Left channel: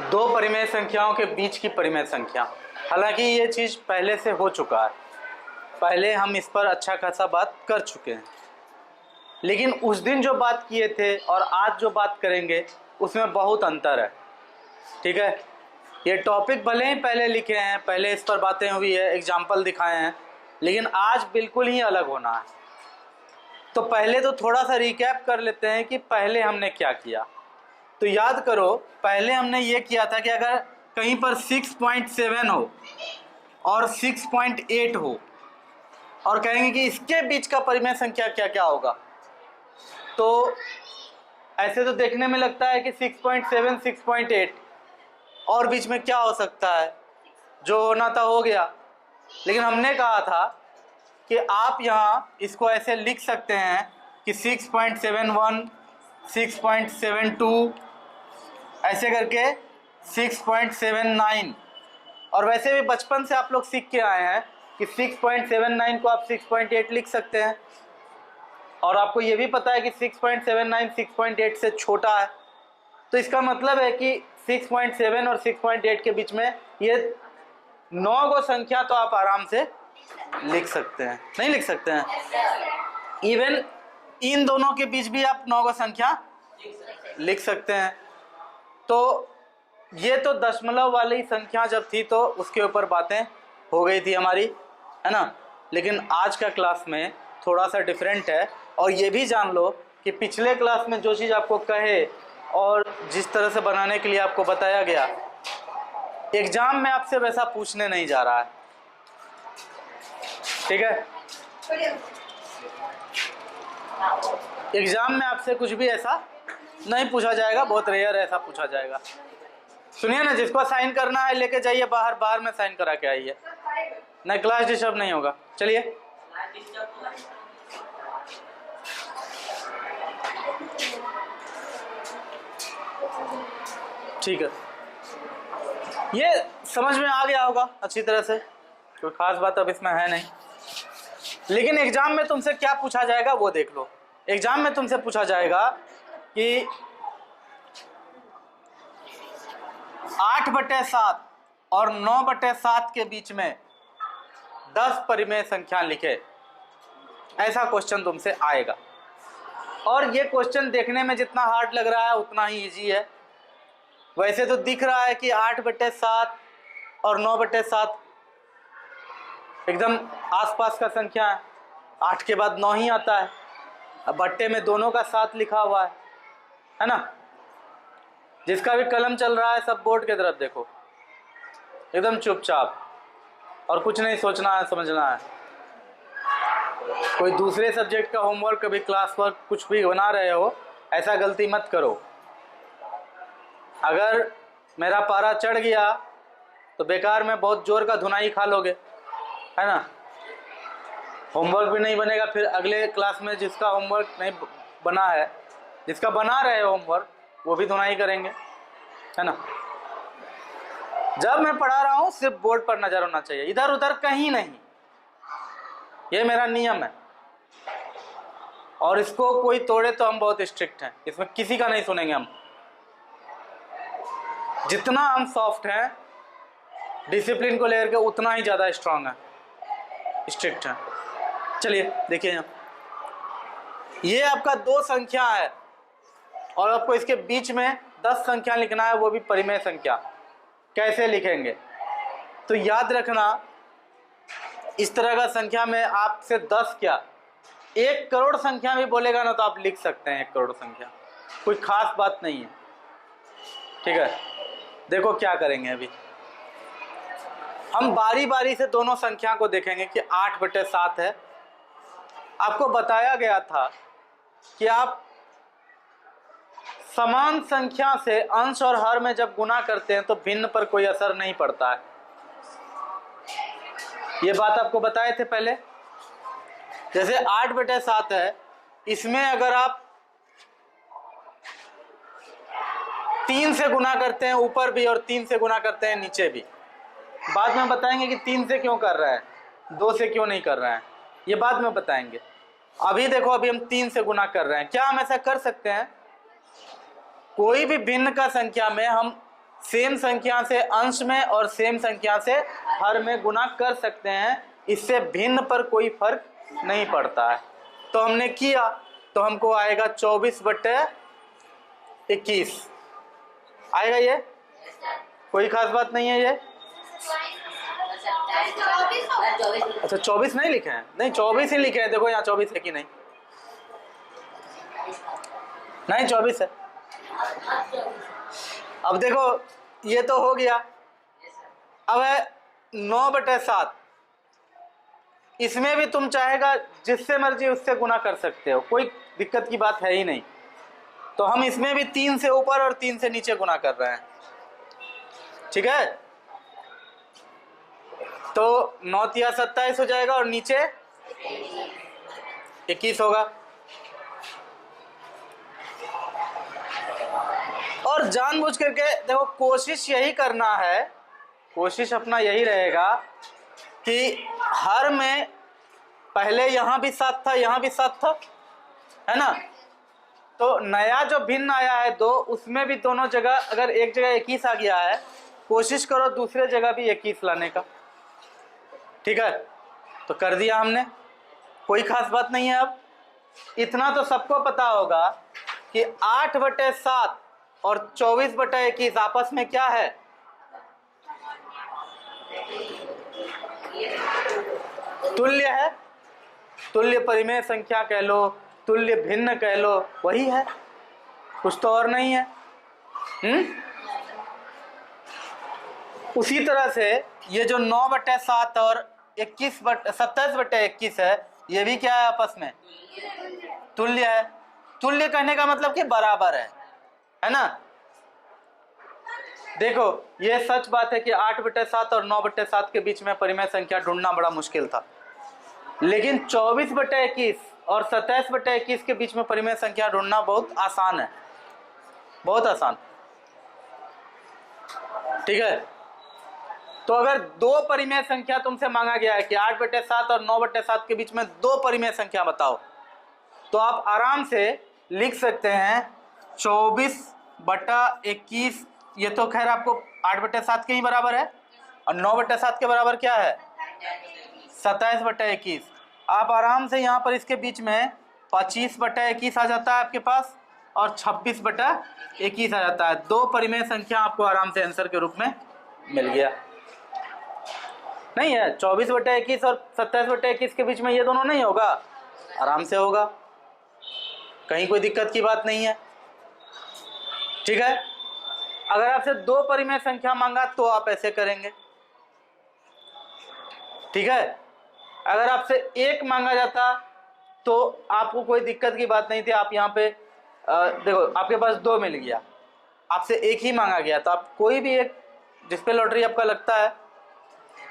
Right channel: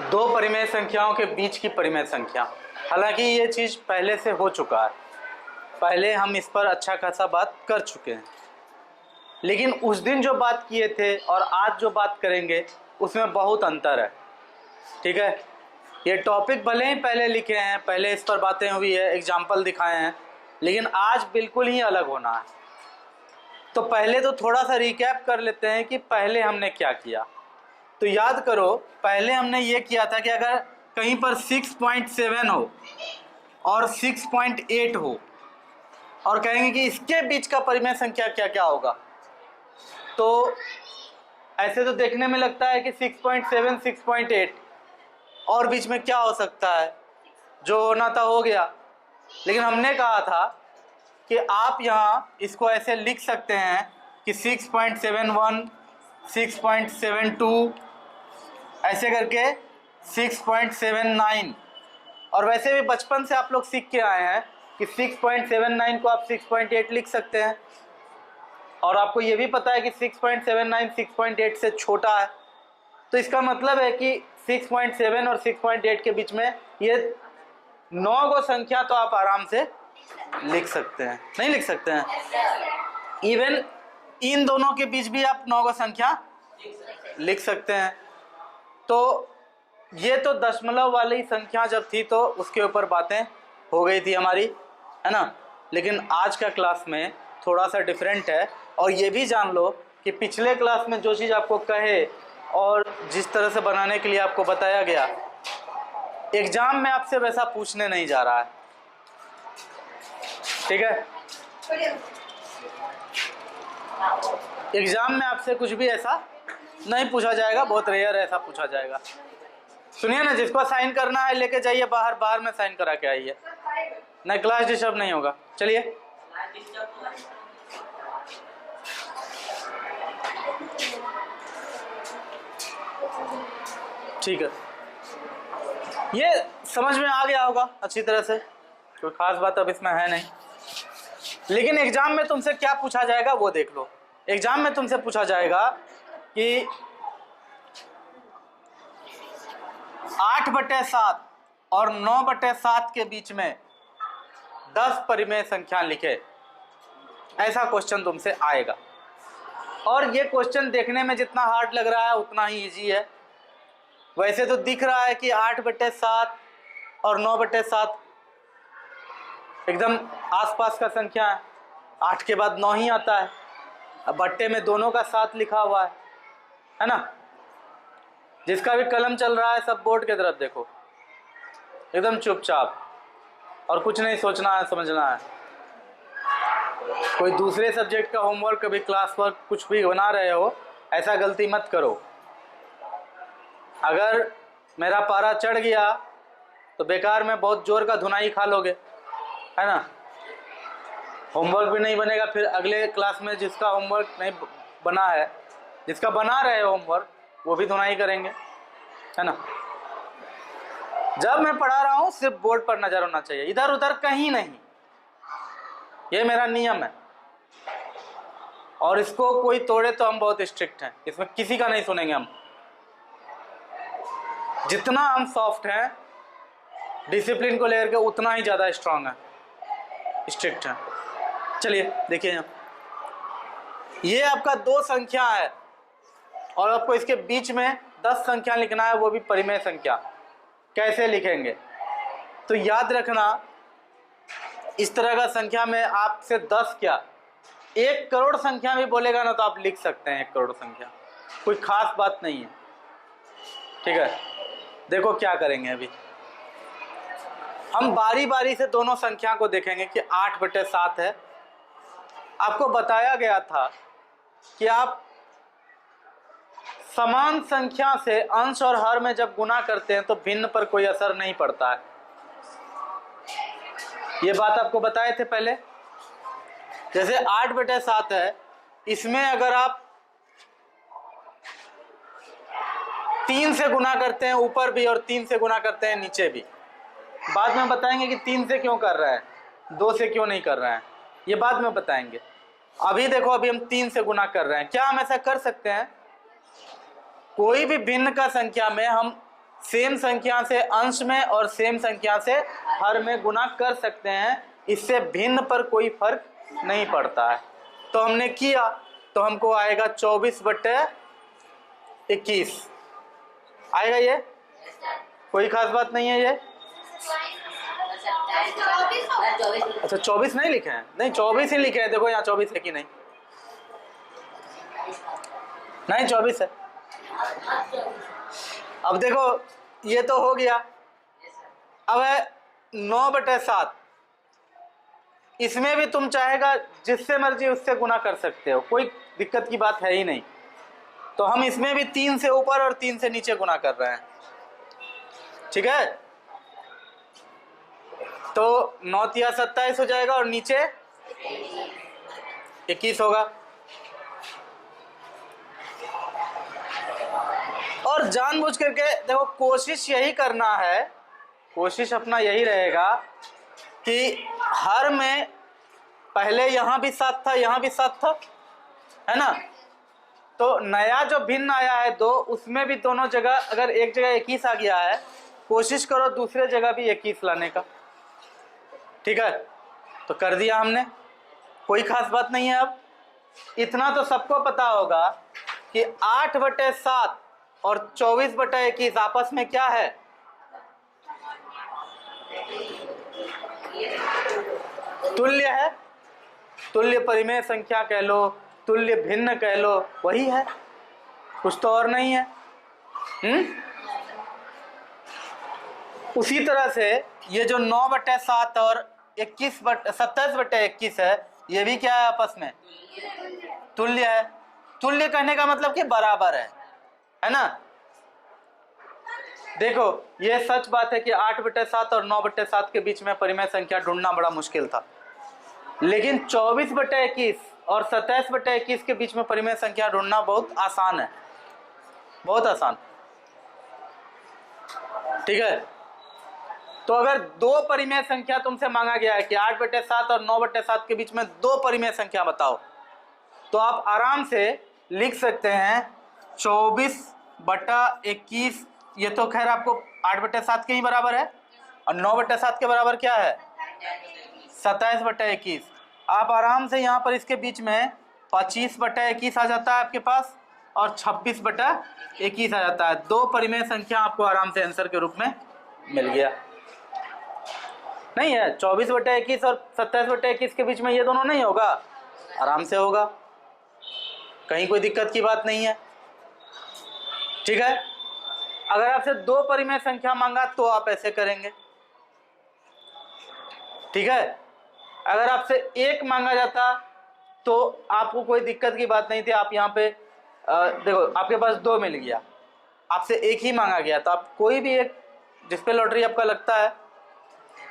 दो परिमेय संख्याओं के बीच की परिमेय संख्या। हालांकि ये चीज़ पहले से हो चुका है, पहले हम इस पर अच्छा खासा बात कर चुके हैं, लेकिन उस दिन जो बात किए थे और आज जो बात करेंगे उसमें बहुत अंतर है। ठीक है, ये टॉपिक भले ही पहले लिखे हैं, पहले इस पर बातें हुई है, एग्जाम्पल दिखाए हैं, लेकिन आज बिल्कुल ही अलग होना है। तो पहले तो थोड़ा सा रिकैप कर लेते हैं कि पहले हमने क्या किया। तो याद करो, पहले हमने ये किया था कि अगर कहीं पर 6.7 हो और 6.8 हो और कहेंगे कि इसके बीच का परिमेय संख्या क्या क्या होगा, तो ऐसे तो देखने में लगता है कि 6.7, 6.8 और बीच में क्या हो सकता है, जो होना था हो गया। लेकिन हमने कहा था कि आप यहाँ इसको ऐसे लिख सकते हैं कि 6.71, 6.72 ऐसे करके 6.79। और वैसे भी बचपन से आप लोग सीख के आए हैं कि 6.79 को आप 6.8 लिख सकते हैं, और आपको ये भी पता है कि 6.79 6.8 से छोटा है। तो इसका मतलब है कि 6.7 और 6.8 के बीच में ये 9 गो संख्या तो आप आराम से लिख सकते हैं, नहीं लिख सकते हैं? इवन इन दोनों के बीच भी आप 9 गो संख्या लिख सकते हैं। तो ये तो दशमलव वाली संख्या जब थी तो उसके ऊपर बातें हो गई थी हमारी, है ना। लेकिन आज का क्लास में थोड़ा सा डिफरेंट है। और ये भी जान लो कि पिछले क्लास में जो चीज़ आपको कहे और जिस तरह से बनाने के लिए आपको बताया गया, एग्जाम में आपसे वैसा पूछने नहीं जा रहा है। ठीक है, एग्जाम में आपसे कुछ भी ऐसा नहीं पूछा जाएगा, बहुत रेयर ऐसा पूछा जाएगा। सुनिए ना, जिसको साइन करना है लेके जाइए बाहर, बाहर में साइन करा के आइए, नहीं क्लास डिस्टर्ब नहीं होगा। चलिए, ठीक है, ये समझ में आ गया होगा अच्छी तरह से, कोई खास बात अब इसमें है नहीं। लेकिन एग्जाम में तुमसे क्या पूछा जाएगा वो देख लो। एग्जाम में तुमसे पूछा जाएगा कि 8/7 और 9/7 के बीच में 10 परिमेय संख्या लिखे, ऐसा क्वेश्चन तुमसे आएगा। और ये क्वेश्चन देखने में जितना हार्ड लग रहा है उतना ही इजी है। वैसे तो दिख रहा है कि 8/7 और 9/7 एकदम आसपास का संख्या है, 8 के बाद 9 ही आता है। अब बट्टे में दोनों का 7 लिखा हुआ है ना। जिसका भी कलम चल रहा है सब बोर्ड की तरफ देखो, एकदम चुपचाप, और कुछ नहीं सोचना है, समझना है। कोई दूसरे सब्जेक्ट का होमवर्क, कभी क्लास वर्क कुछ भी बना रहे हो, ऐसा गलती मत करो। अगर मेरा पारा चढ़ गया तो बेकार में बहुत जोर का धुनाई खा लोगे, है ना। होमवर्क भी नहीं बनेगा, फिर अगले क्लास में जिसका होमवर्क नहीं बना है, जिसका बना रहे होमवर्क, वो भी धुनाई करेंगे, है ना। जब मैं पढ़ा रहा हूँ सिर्फ बोर्ड पर नजर होना चाहिए, इधर उधर कहीं नहीं। ये मेरा नियम है, और इसको कोई तोड़े तो हम बहुत स्ट्रिक्ट हैं, इसमें किसी का नहीं सुनेंगे हम। जितना हम सॉफ्ट हैं डिसिप्लिन को लेकर के, उतना ही ज़्यादा स्ट्रांग है, स्ट्रिक्ट है। चलिए देखिए, यहाँ ये आपका 2 संख्या है और आपको इसके बीच में 10 संख्या लिखना है, वो भी परिमेय संख्या। कैसे लिखेंगे? तो याद रखना, इस तरह का संख्या में आपसे 10 क्या 1 करोड़ संख्या भी बोलेगा ना तो आप लिख सकते हैं 1 करोड़ संख्या, कोई खास बात नहीं है। ठीक है, देखो क्या करेंगे। अभी हम बारी बारी से दोनों संख्या को देखेंगे कि 8/7 है। आपको बताया गया था कि आप समान संख्या से अंश और हर में जब गुना करते हैं तो भिन्न पर कोई असर नहीं पड़ता है। ये बात आपको बताए थे पहले। जैसे 8/7 है, इसमें अगर आप 3 से गुना करते हैं ऊपर भी और 3 से गुना करते हैं नीचे भी, बाद में बताएंगे कि 3 से क्यों कर रहा है, 2 से क्यों नहीं कर रहा है, ये बाद में बताएंगे। अभी देखो, अभी हम 3 से गुना कर रहे हैं। क्या हम ऐसा कर सकते हैं? कोई भी भिन्न का संख्या में हम सेम संख्या से अंश में और सेम संख्या से हर में गुना कर सकते हैं, इससे भिन्न पर कोई फर्क नहीं पड़ता है। तो हमने किया तो हमको आएगा 24/21 आएगा। ये कोई खास बात नहीं है। ये अच्छा 24 नहीं लिखे हैं? नहीं 24 ही लिखे हैं। देखो यहाँ 24 है कि नहीं? नहीं 24 है। अब देखो ये तो हो गया। अब है 9/7। इसमें भी तुम चाहेगा जिससे मर्जी उससे गुना कर सकते हो, कोई दिक्कत की बात है ही नहीं। तो हम इसमें भी 3 से ऊपर और 3 से नीचे गुना कर रहे हैं, ठीक है। तो 9 तिया 27 हो जाएगा और नीचे 21 होगा। और जानबूझ करके देखो, कोशिश यही करना है, कोशिश अपना यही रहेगा कि हर में पहले यहाँ भी 7 था, यहाँ भी 7 था, है ना। तो नया जो भिन्न आया है 2, उसमें भी दोनों जगह अगर एक जगह 21 आ गया है, कोशिश करो दूसरे जगह भी 21 लाने का, ठीक है। तो कर दिया हमने, कोई खास बात नहीं है। अब इतना तो सबको पता होगा कि 8/7 और 24/21 आपस में क्या है? तुल्य है। तुल्य परिमेय संख्या कह लो, तुल्य भिन्न कह लो, वही है, कुछ तो और नहीं है। उसी तरह से ये जो 9/7 और 27/21 है, ये भी क्या है? आपस में तुल्य है। तुल्य कहने का मतलब कि बराबर है ना। देखो ये सच बात है कि 8/7 और 9/7 के बीच में परिमेय संख्या ढूंढना बड़ा मुश्किल था, लेकिन 24/21 और 27/21 के बीच में परिमेय संख्या ढूंढना बहुत आसान है, बहुत आसान, ठीक है। तो अगर 2 परिमेय संख्या तुमसे मांगा गया है कि 8/7 और 9/7 के बीच में 2 परिमेय संख्या बताओ, तो आप आराम से लिख सकते हैं 24/21। ये तो खैर आपको 8/7 के ही बराबर है, और 9/7 के बराबर क्या है? 27/21। आप आराम से यहाँ पर इसके बीच में 25/21 आ जाता है आपके पास, और 26/21 आ जाता है। 2 परिमेय संख्या आपको आराम से आंसर के रूप में मिल गया। नहीं है 24/21 और 27/21 के बीच में ये दोनों नहीं होगा? आराम से होगा, कहीं कोई दिक्कत की बात नहीं है, ठीक है। अगर आपसे 2 परिमेय संख्या मांगा तो आप ऐसे करेंगे, ठीक है। अगर आपसे 1 मांगा जाता तो आपको कोई दिक्कत की बात नहीं थी। आप यहाँ पे देखो, आपके पास 2 मिल गया, आपसे 1 ही मांगा गया, तो आप कोई भी एक, जिस पे लॉटरी आपका लगता है,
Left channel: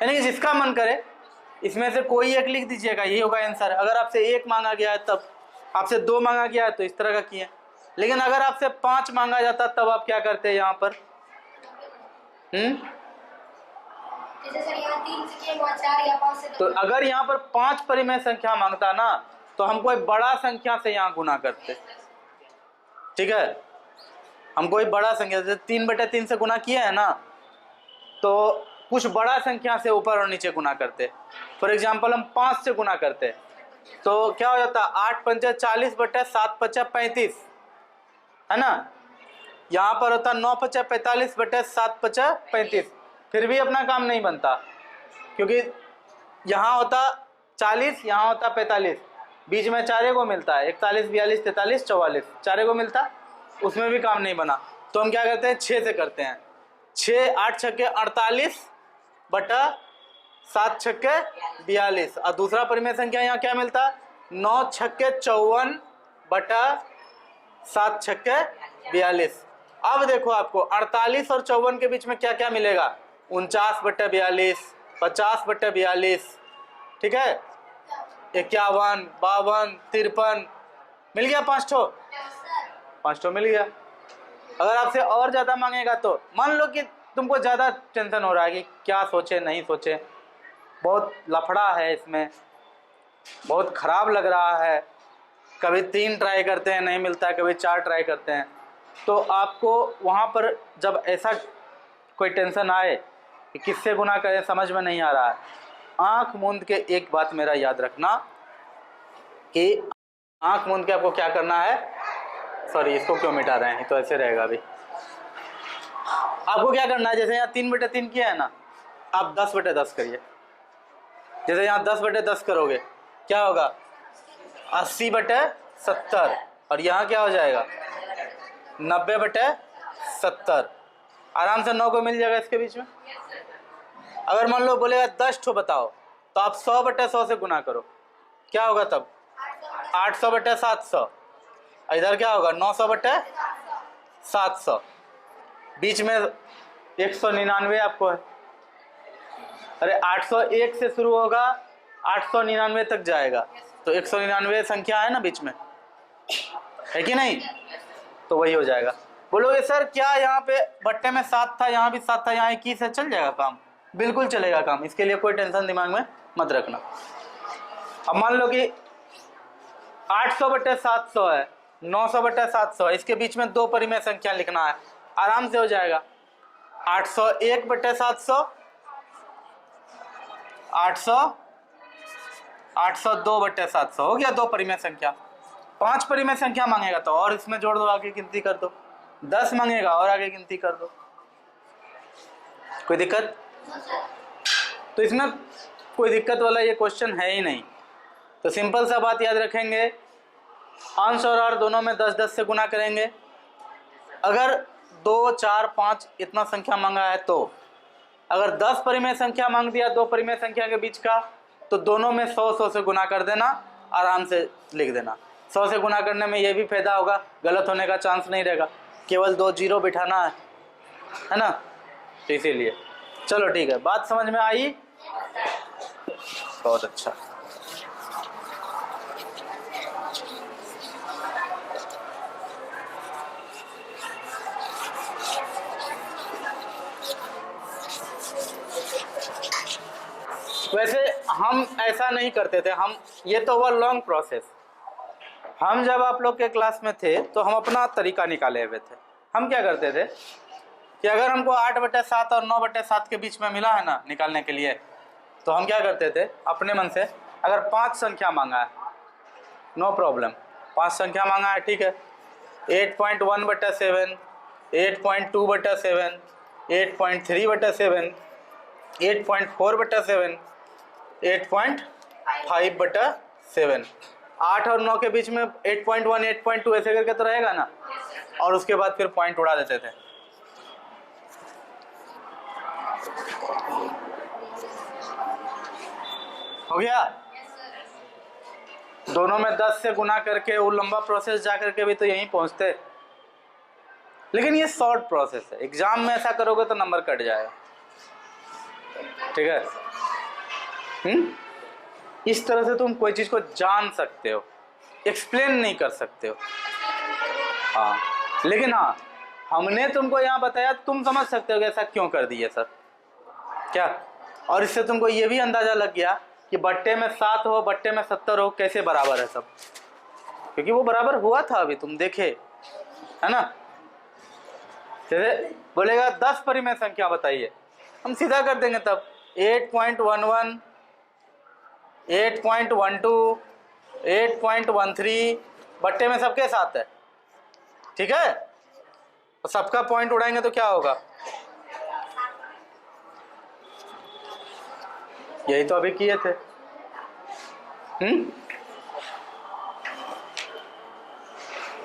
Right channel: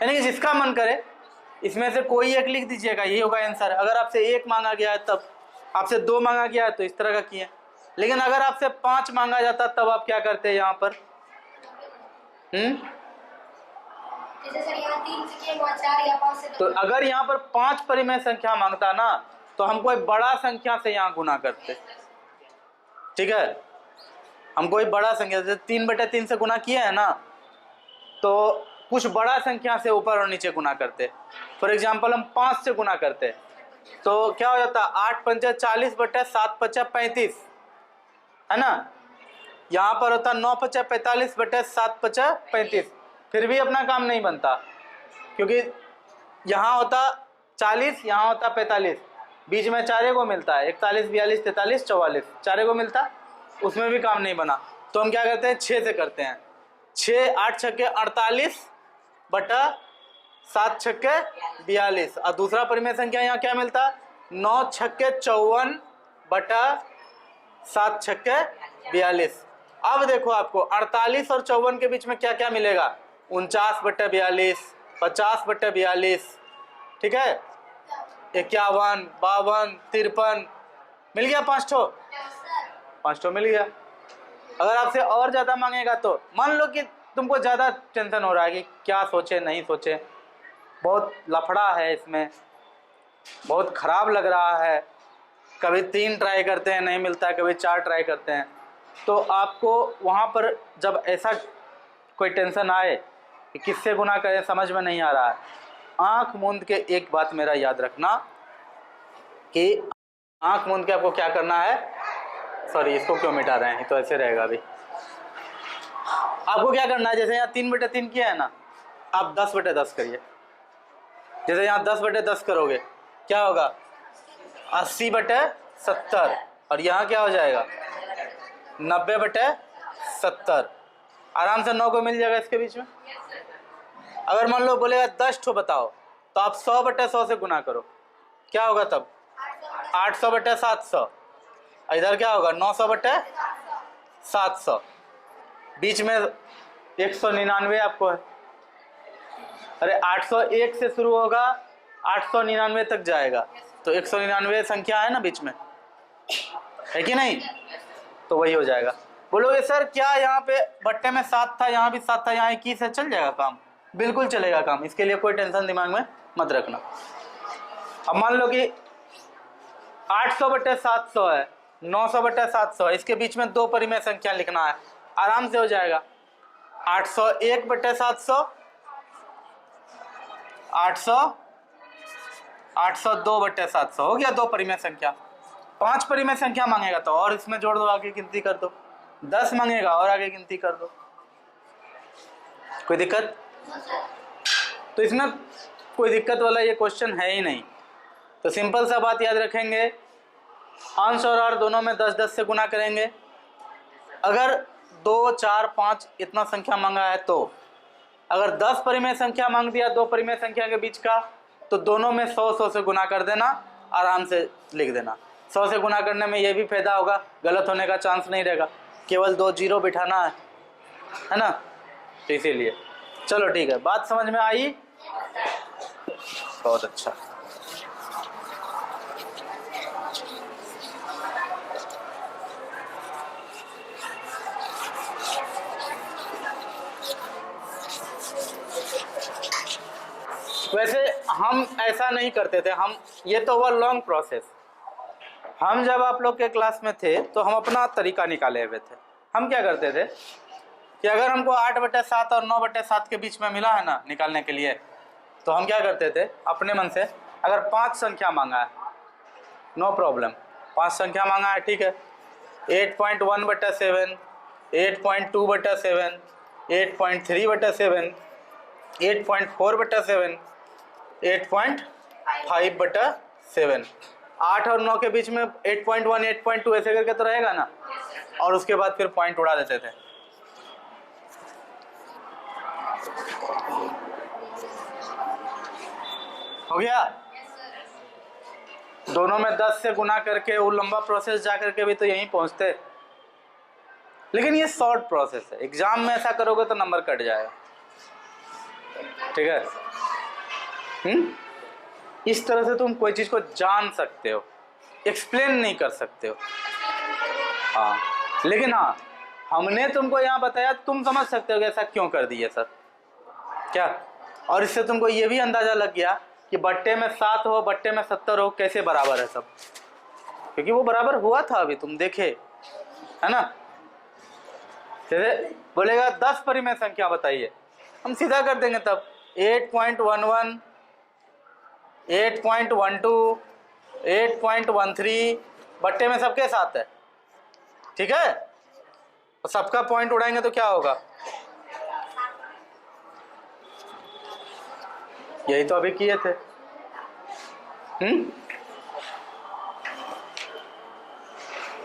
यानी कि जिसका मन करे इसमें से कोई एक लिख दीजिएगा, यही होगा आंसर। अगर आपसे 1 मांगा गया है तब, आपसे 2 मांगा गया है तो इस तरह का किए। लेकिन अगर आपसे 5 मांगा जाता तब आप क्या करते हैं यहाँ पर? तो अगर यहाँ पर 5 परिमेय संख्या मांगता ना, तो हम कोई बड़ा संख्या से यहाँ गुना करते, ठीक है। हम कोई बड़ा संख्या से 3/3 से गुना किया है ना, तो कुछ बड़ा संख्या से ऊपर और नीचे गुना करते। फॉर एग्जाम्पल हम 5 से गुना करते, तो क्या हो जाता? 8×5 = 40/7×5 = 35, है ना। यहाँ पर होता 9×5 = 45/7×5 = 35। फिर भी अपना काम नहीं बनता, क्योंकि यहाँ होता 40, यहाँ होता 45, बीच में 4 को मिलता है, 41, 42, 43, 44, 4 को मिलता, उसमें भी काम नहीं बना। तो हम क्या करते हैं? 6 से करते हैं। 6 8 छक्के 48/7 छक्के 42। और दूसरा परिमेय संख्या यहाँ क्या मिलता? 9 छक्के 54/7 छक्के 42। अब देखो आपको 48 और 54 के बीच में क्या क्या मिलेगा? 49/42, 50/42, ठीक है, 51, 52, 53, मिल गया 5 ठो मिल गया। अगर आपसे और ज़्यादा मांगेगा तो मान लो कि तुमको ज़्यादा टेंशन हो रहा है कि क्या सोचे नहीं सोचे, बहुत लफड़ा है इसमें, बहुत ख़राब लग रहा है, कभी 3 ट्राई करते हैं नहीं मिलता है, कभी 4 ट्राई करते हैं, तो आपको वहाँ पर जब ऐसा कोई टेंशन आए कि किससे गुना करें समझ में नहीं आ रहा है, आंख मूंद के एक बात मेरा याद रखना कि आंख मूंद के आपको क्या करना है, सॉरी इसको क्यों मिटा रहे हैं, तो ऐसे रहेगा अभी। आपको क्या करना है, जैसे यहाँ 3/3 किया है ना, आप 10/10 करिए। जैसे यहाँ 10/10 करोगे क्या होगा, 80/70, और यहाँ क्या हो जाएगा 90/70। आराम से 9 को मिल जाएगा इसके बीच में। अगर मान लो बोलेगा 10 ठो बताओ, तो आप 100/100 से गुना करो, क्या होगा तब 800/700। इधर क्या होगा 900/700। बीच में 199 आपको है, अरे 801 से शुरू होगा 899 तक जाएगा, तो 199 संख्या है ना बीच में, है कि नहीं, तो वही हो जाएगा। बोलोगे सर क्या यहाँ पे बट्टे में 7 था, यहाँ भी 7 था, यहाँ 21 है, चल जाएगा काम? बिल्कुल चलेगा काम, इसके लिए कोई टेंशन दिमाग में मत रखना। अब मान लो कि 800/700 है, 900/700, इसके बीच में 2 परिमेय संख्या लिखना है, आराम से हो जाएगा। 801/700, 802/700 हो गया 2 परिमेय संख्या। 5 परिमेय संख्या मांगेगा तो और इसमें जोड़ दो, आगे गिनती कर दो। 10 मांगेगा और आगे गिनती कर दो। कोई दिक्कत? तो इसमें कोई दिक्कत वाला ये क्वेश्चन है ही नहीं। तो सिंपल सा बात याद रखेंगे, अंश और हर दोनों में 10-10 से गुना करेंगे। अगर 2, 4, 5 इतना संख्या मांगा है तो, अगर 10 परिमेय संख्या मांग दिया 2 परिमेय संख्या के बीच का, तो दोनों में 100 से गुना कर देना, आराम से लिख देना। 100 से गुना करने में ये भी फायदा होगा, गलत होने का चांस नहीं रहेगा, केवल 2 जीरो बिठाना है ना, तो इसीलिए। चलो ठीक है, बात समझ में आई? बहुत अच्छा। वैसे हम ऐसा नहीं करते थे, हम ये तो हुआ लॉन्ग प्रोसेस। हम जब आप लोग के क्लास में थे तो हम अपना तरीका निकाले हुए थे। हम क्या करते थे कि अगर हमको 8/7 और 9/7 के बीच में मिला है ना निकालने के लिए, तो हम क्या करते थे अपने मन से, अगर 5 संख्या मांगा है नो प्रॉब्लम, 5 संख्या मांगा है ठीक है, 8.1/7, 8.2/7, 8.3/7, 8.4/7, 8.5/7। 8 और 9 के बीच में 8.1, 8.2 ऐसे करके तो रहेगा ना, और उसके बाद फिर पॉइंट उड़ा देते थे। हो गया? दोनों में 10 से गुना करके वो लंबा प्रोसेस जा करके भी तो यहीं पहुंचते, लेकिन ये शॉर्ट प्रोसेस है। एग्जाम में ऐसा करोगे तो नंबर कट जाएगा, ठीक है? इस तरह से तुम कोई चीज को जान सकते हो, एक्सप्लेन नहीं कर सकते हो। हाँ, लेकिन हाँ हमने तुमको यहाँ बताया, तुम समझ सकते हो कि ऐसा क्यों कर दिए सर, क्या? और इससे तुमको ये भी अंदाजा लग गया कि बट्टे में 7 हो, बट्टे में 70 हो, कैसे बराबर है सब, क्योंकि वो बराबर हुआ था, अभी तुम देखे है ना। जैसे बोलेगा 10 परिमेय संख्या बताइए, हम सीधा कर देंगे तब 8.11, 8.12, 8.13, बट्टे में सबके साथ है, ठीक है? तो सबका पॉइंट उड़ाएंगे तो क्या होगा, यही तो अभी किए थे।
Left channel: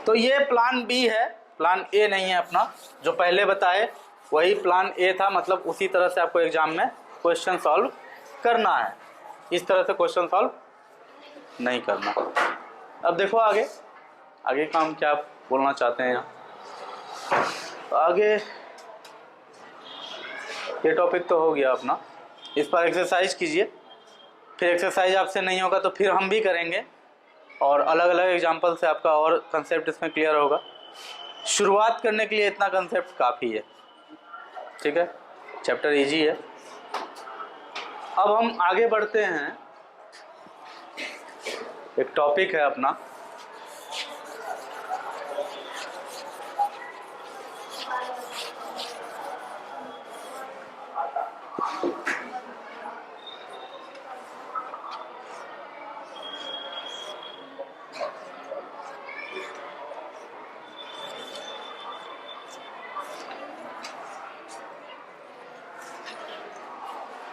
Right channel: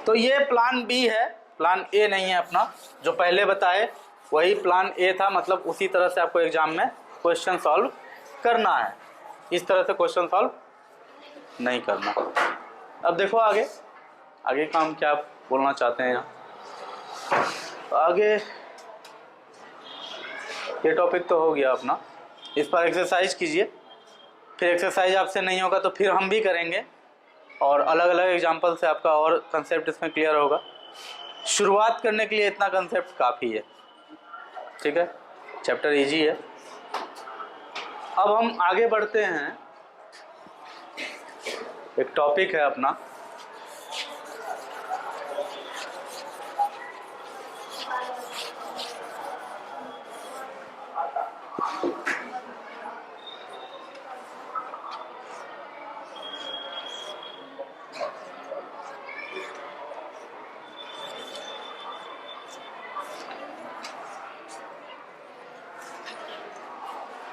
तो ये प्लान बी है, प्लान ए नहीं है अपना। जो पहले बताए वही प्लान ए था, मतलब उसी तरह से आपको एग्जाम में क्वेश्चन सॉल्व करना है, इस तरह से क्वेश्चन सॉल्व नहीं करना। अब देखो आगे आगे का हम क्या बोलना चाहते हैं यहाँ। आगे ये टॉपिक तो हो गया अपना, इस पर एक्सरसाइज कीजिए, फिर एक्सरसाइज आपसे नहीं होगा तो फिर हम भी करेंगे, और अलग अलग एग्जाम्पल से आपका और कंसेप्ट इसमें क्लियर होगा। शुरुआत करने के लिए इतना कंसेप्ट काफ़ी है, ठीक है? चैप्टर इजी है। अब हम आगे बढ़ते हैं, एक टॉपिक है अपना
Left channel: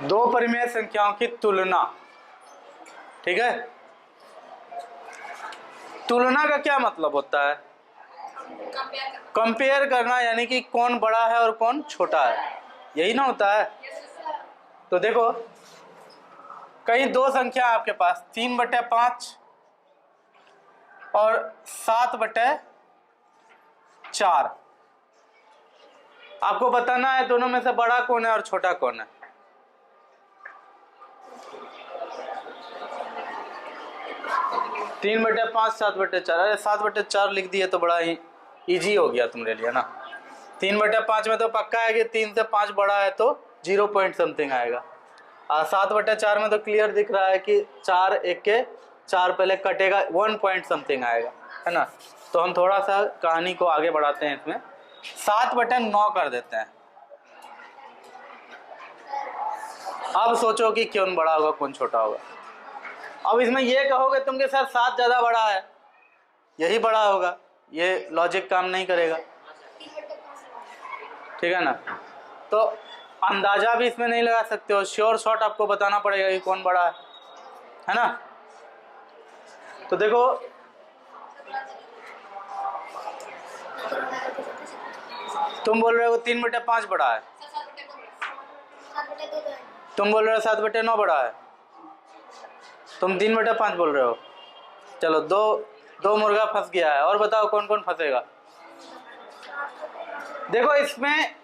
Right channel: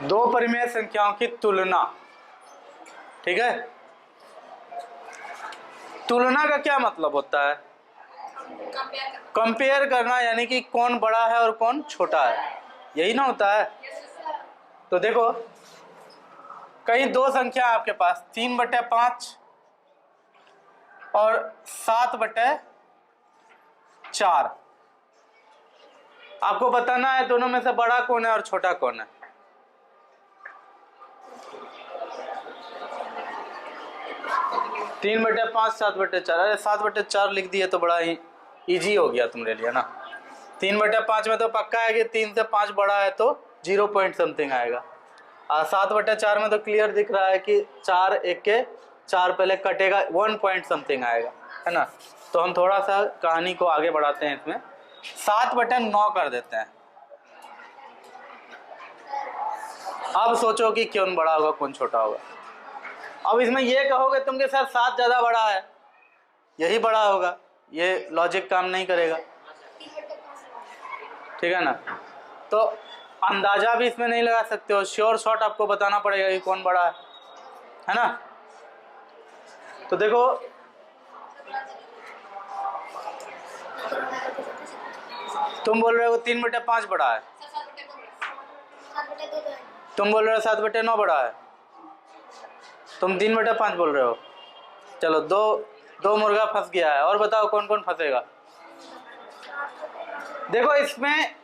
दो परिमेय संख्याओं की तुलना। ठीक है, तुलना का क्या मतलब होता है? कंपेयर करना, यानी कि कौन बड़ा है और कौन छोटा है, यही ना होता है। तो देखो, कहीं दो संख्या आपके पास 3/5 और 7/4। आपको बताना है दोनों में से बड़ा कौन है और छोटा कौन है। तीन बटे पाँच, 7/4। अरे 7/4 लिख दिए तो बड़ा ही इजी हो गया तुम्हारे लिए ना। 3/5 में तो पक्का है कि 3 से 5 बड़ा है तो 0 पॉइंट समथिंग आएगा। और 7/4 में तो क्लियर दिख रहा है कि 4 एक के 4 पहले कटेगा, 1 पॉइंट समथिंग आएगा, है ना। तो हम थोड़ा सा कहानी को आगे बढ़ाते हैं, इसमें 7/9 कर देते हैं। अब सोचो कि कौन बड़ा होगा कौन छोटा होगा। अब इसमें ये कहोगे तुम कि सर 7 ज़्यादा बड़ा है, यही बड़ा होगा, ये लॉजिक काम नहीं करेगा, ठीक है ना। तो अंदाजा भी इसमें नहीं लगा सकते हो, श्योर शॉट आपको बताना पड़ेगा कि कौन बड़ा है ना। तो देखो, तुम बोल रहे हो 3/5 बड़ा है, तुम बोल रहे हो 7/9 बड़ा है, तुम 3/5 बोल रहे हो। चलो, दो मुर्गा फंस गया है, और बताओ कौन कौन फंसेगा। देखो, इसमें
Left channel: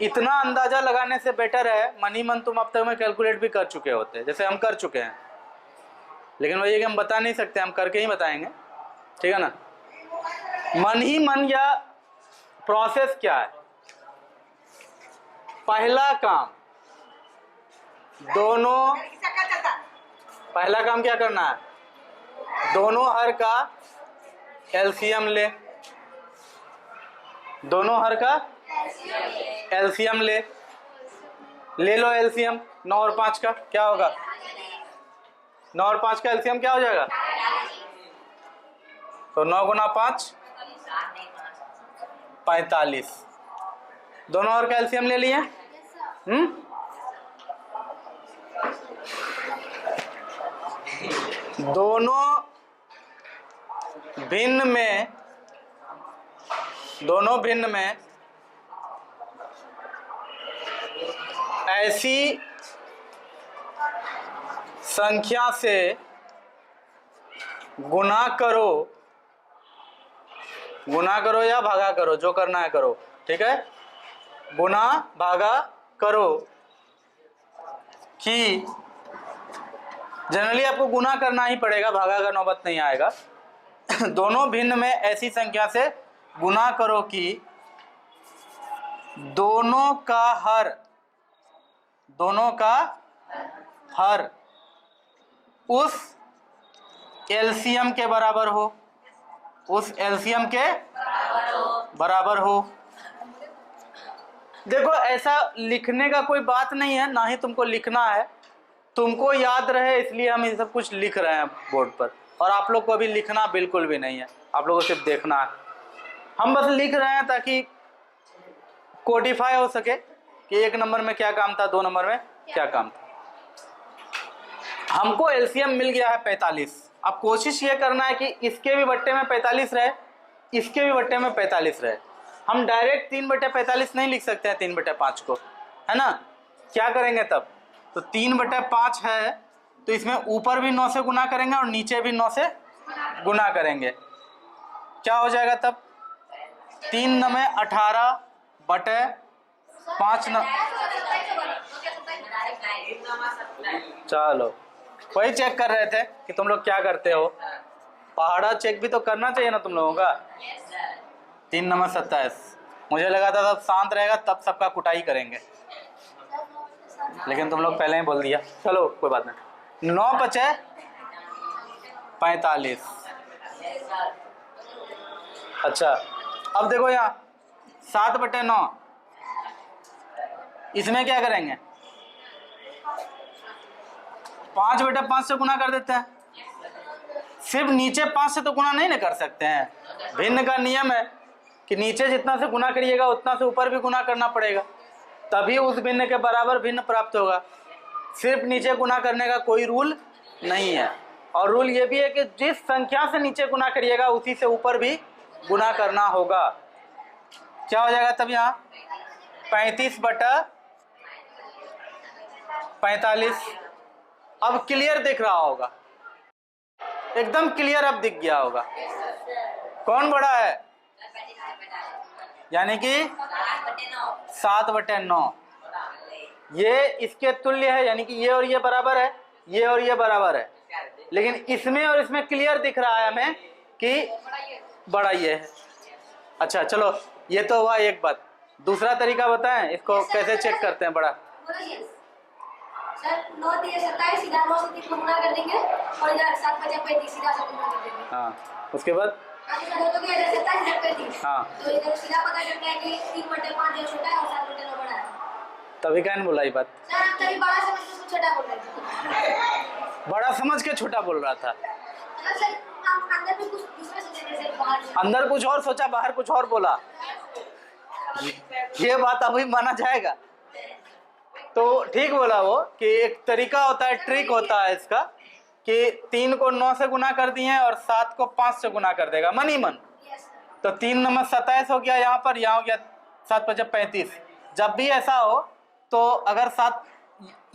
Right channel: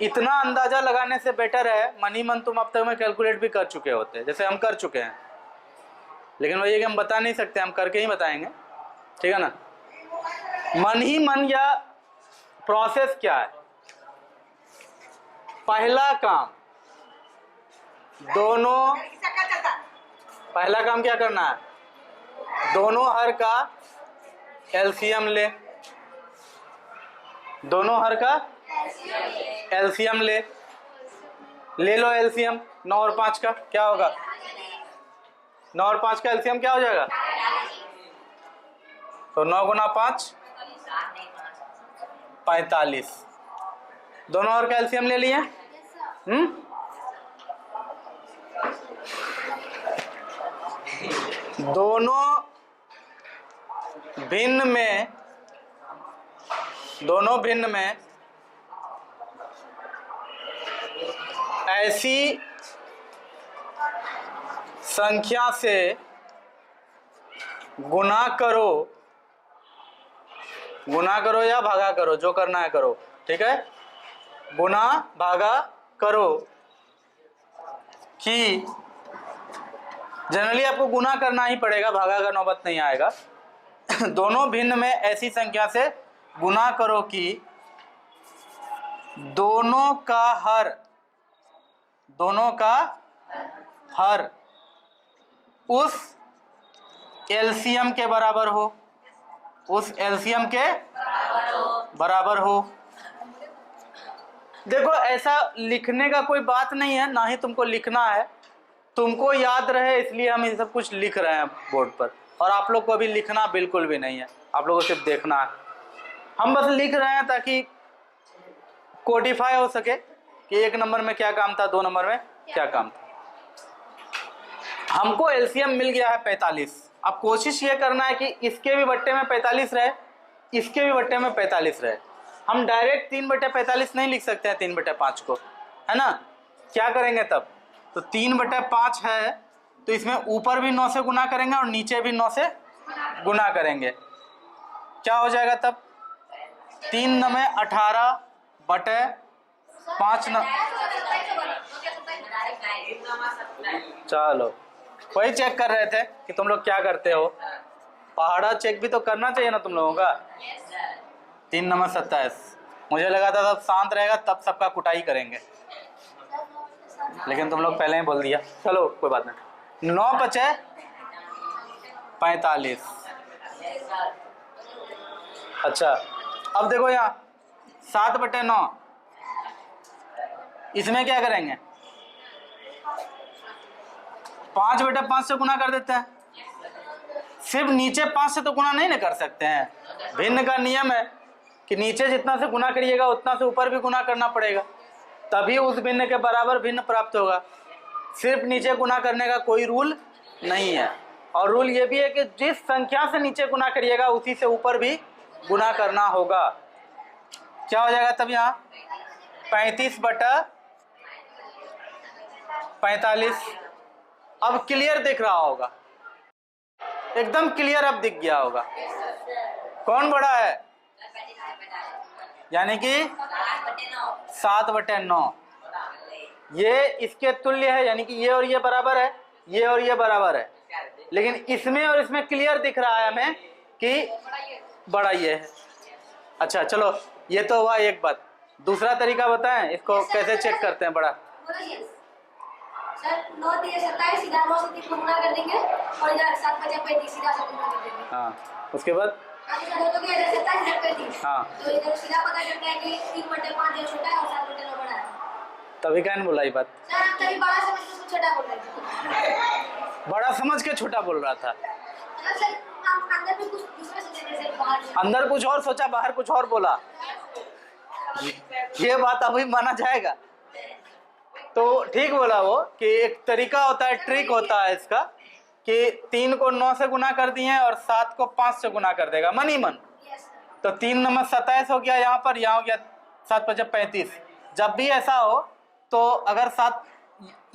इतना अंदाजा लगाने से बेटर है मन ही मन तुम अब तक में कैलकुलेट भी कर चुके होते, जैसे हम कर चुके हैं। लेकिन वही है कि हम बता नहीं सकते, हम करके ही बताएंगे, ठीक है ना। मन ही मन या प्रोसेस क्या है? पहला काम पहला काम क्या करना है? दोनों हर का एलसीएम ले, दोनों हर का एलसीएम ले लो। एलसीएम 9 और 5 का क्या होगा? 9 और 5 का एलसीएम क्या हो जाएगा? तो 9 गुना 5 45। दोनों और का एलसीएम ले लिए। दोनों भिन्न में ऐसी संख्या से गुना करो या भागा करो, जो करना है करो, ठीक है। गुना भागा करो कि जनरली आपको गुना करना ही पड़ेगा, भागा का नौबत नहीं आएगा। दोनों भिन्न में ऐसी संख्या से गुना करो कि दोनों का हर उस एलसीएम के बराबर हो, देखो, ऐसा लिखने का कोई बात नहीं है, ना ही तुमको लिखना है, तुमको याद रहे इसलिए हम ये सब कुछ लिख रहे हैं बोर्ड पर। और आप लोग को अभी लिखना बिल्कुल भी नहीं है, आप लोगों को सिर्फ देखना है। हम बस लिख रहे हैं ताकि कोडिफाई हो सके कि 1 नंबर में क्या काम था, 2 नंबर में क्या काम था। हमको एलसीएम मिल गया है 45। अब कोशिश ये करना है कि इसके भी बट्टे में 45 रहे, इसके भी बट्टे में 45 रहे। हम डायरेक्ट 3/45 नहीं लिख सकते हैं 3/5 को, है ना। क्या करेंगे तब? तो 3/5 है तो इसमें ऊपर भी 9 से गुना करेंगे और नीचे भी 9 से गुना करेंगे। क्या हो जाएगा तब? 3 9 18 बटे 5 9। चलो, वही चेक कर रहे थे कि तुम लोग क्या करते हो। पहाड़ा चेक भी तो करना चाहिए ना तुम लोगों का। 3 9 27। मुझे लगा था तब शांत रहेगा तब सबका कुटाई करेंगे, लेकिन तुम लोग पहले ही बोल दिया। चलो कोई बात नहीं। 9 बचे 45। अच्छा, अब देखो यहाँ 7/9, इसमें क्या करेंगे? 5/5 से गुना कर देते हैं। सिर्फ नीचे 5 से तो गुना नहीं ना कर सकते हैं, भिन्न का नियम है कि नीचे जितना से गुना करिएगा उतना से ऊपर भी गुना करना पड़ेगा, तभी उस भिन्न के बराबर भिन्न प्राप्त होगा। सिर्फ नीचे गुना करने का कोई रूल नहीं है। और रूल ये भी है कि जिस संख्या से नीचे गुना करिएगा उसी से ऊपर भी गुना करना होगा। क्या हो जाएगा तब यहाँ 35/45। अब क्लियर दिख रहा होगा, एकदम क्लियर अब दिख गया होगा कौन बड़ा है, यानी कि 7/9 ये इसके तुल्य है, यानी कि ये और ये बराबर है, ये और ये बराबर है। लेकिन इसमें और इसमें क्लियर दिख रहा है हमें कि बड़ा ये है। अच्छा चलो, ये तो हुआ एक बात। दूसरा तरीका बताएं इसको कैसे चेक करते हैं बड़ा। सर 9 3 27 सीधा 9 से 3 गुना कर देंगे और इधर 7 5 35 सीधा 7 गुना कर देंगे। हाँ, उसके बाद तो क्या इधर 27 इधर 35। हाँ, तो इधर सीधा पता चलता है कि 3/5 जो छोटा है और 7/9 बड़ा है। तभी कहने बोला ये बात। सर हम तभी बड़ा समझ के उसको छोटा बोल रहे थे। बड़ा समझ के छोटा बोल रहा था। सर हम अंदर भी कुछ दूसरा सोचे थे, सर बाहर अंदर कुछ और सोचा, बाहर कुछ और बोला। ये बात अभी माना जाएगा। तो ठीक बोला वो कि एक तरीका होता है, ट्रिक होता है इसका कि 3 को 9 से गुना कर दिए और 7 को 5 से गुना कर देगा मन ही मन। तो 3 नंबर 27 हो गया यहाँ पर, यहाँ हो गया 7 5 35। जब भी ऐसा हो तो अगर 7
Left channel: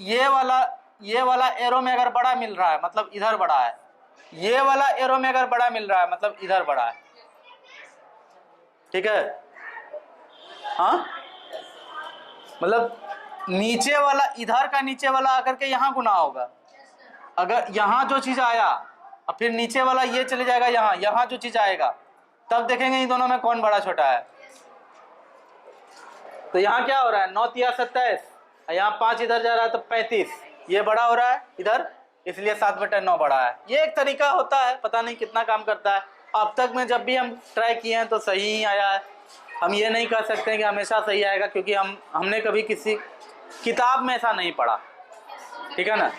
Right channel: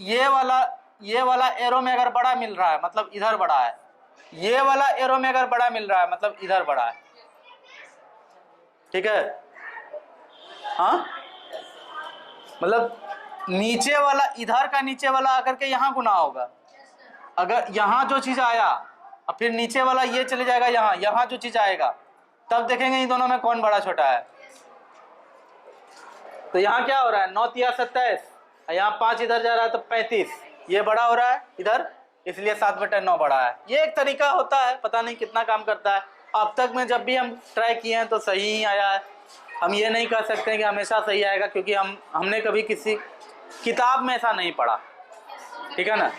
ये वाला एरो में अगर बड़ा मिल रहा है मतलब इधर बड़ा है, ये वाला एरो में अगर बड़ा मिल रहा है मतलब इधर बड़ा है। ठीक है, हाँ, मतलब नीचे वाला इधर का नीचे वाला आकर के यहाँ गुना होगा। अगर यहाँ जो चीज आया और फिर नीचे वाला ये चले जाएगा यहाँ जो चीज आएगा, तब देखेंगे इन दोनों में कौन बड़ा छोटा है। तो यहाँ क्या हो रहा है 9 3 27, यहाँ 5 इधर जा रहा है तो 35, ये बड़ा हो रहा है इधर, इसलिए 7/9 बड़ा है। ये एक तरीका होता है, पता नहीं कितना काम करता है। अब तक में जब भी हम ट्राई किए हैं तो सही ही आया है। हम ये नहीं कह सकते हैं कि हमेशा सही आएगा, क्योंकि हमने कभी किसी किताब में ऐसा नहीं पढ़ा, ठीक है ना।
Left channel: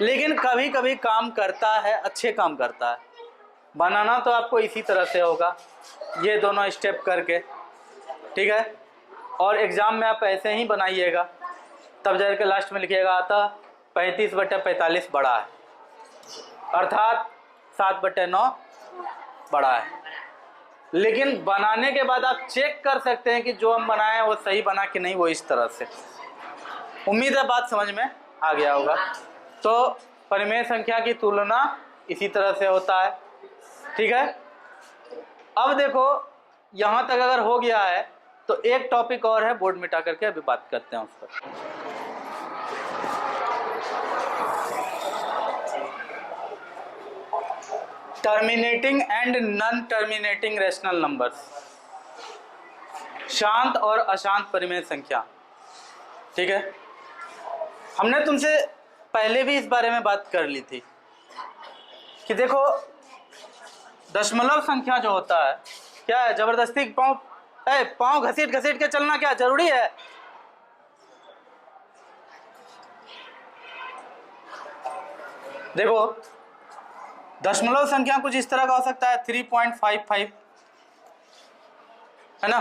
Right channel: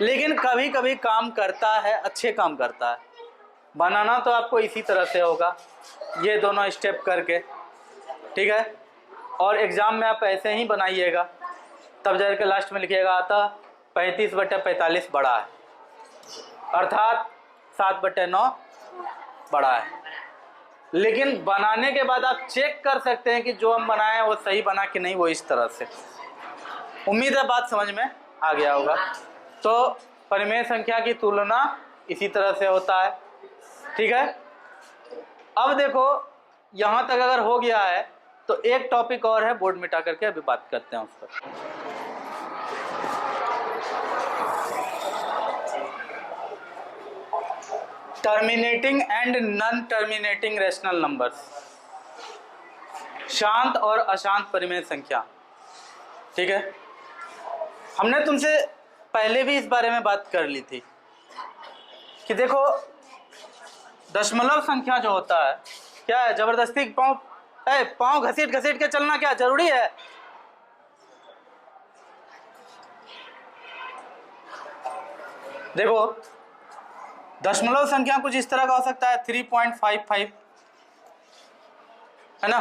लेकिन कभी कभी काम करता है, अच्छे काम करता है। बनाना तो आपको इसी तरह से होगा, ये दोनों स्टेप करके, ठीक है। और एग्ज़ाम में आप ऐसे ही बनाइएगा, तब जाकर लास्ट में लिखिएगा आता 35/45 बड़ा है, अर्थात 7/9 बड़ा है। लेकिन बनाने के बाद आप चेक कर सकते हैं कि जो हम बनाए वो सही बना कि नहीं, वो इस तरह से। उम्मीद है बात समझ में आ गया होगा। तो परिमेय संख्या की तुलना इसी तरह से होता है, ठीक है। अब देखो यहाँ तक अगर हो गया है तो एक टॉपिक और है, बोर्ड मिटा करके अभी बात करते हैं उस पर। Terminating and non terminating rational numbers, शांत और अशांत परिमेय संख्या, ठीक है। हमने तुमसे पहले भी इस बारे में बात कर ली थी कि देखो दशमलव संख्या जो होता है क्या है, जबरदस्ती पाँव घसीट घसीट के चलना क्या जरूरी है? देखो दशमलव संख्या कुछ इस तरह का हो सकता है 3.55, है ना,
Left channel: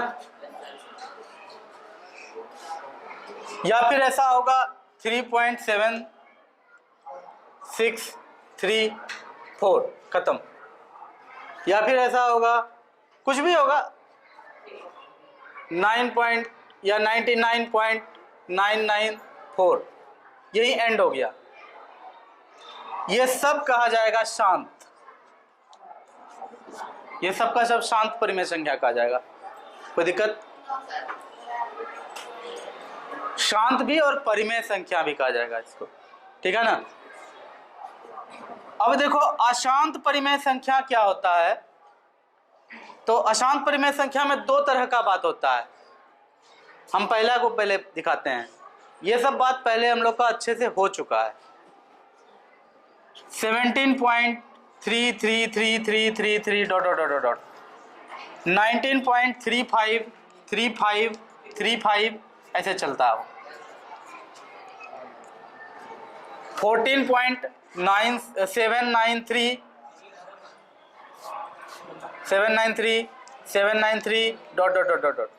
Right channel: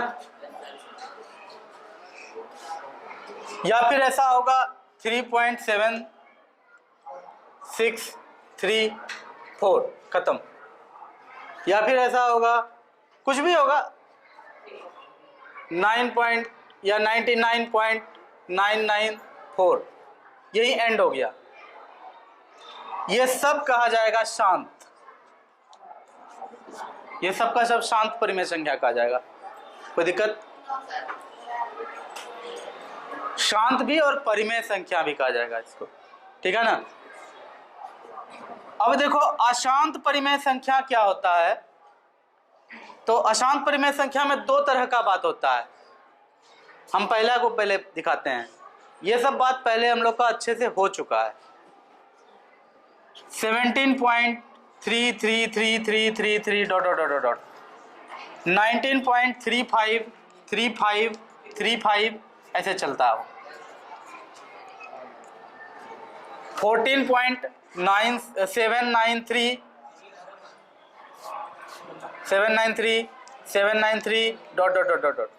या फिर ऐसा होगा 3.7634, खत्म। या फिर ऐसा होगा, कुछ भी होगा 99.994, यही एंड हो गया। ये सब कहा जाएगा शांत, ये सब का सब शांत परिमेय संख्या कहा जाएगा। कोई दिक्कत? शांत भी और परिमेय संख्या भी कहा जाएगा इसको, ठीक है ना। अब देखो अशांत परिमेय संख्या क्या होता है। तो अशांत परिमेय संख्या में दो तरह का बात होता है। हम पहला को पहले दिखाते हैं। ये सब बात पहले हम लोग का अच्छे से हो चुका है। 17.333333 डॉट डॉट डॉट डॉट 19.353535 ऐसे चलता है। 14.793 डॉट डॉट डॉट डॉट।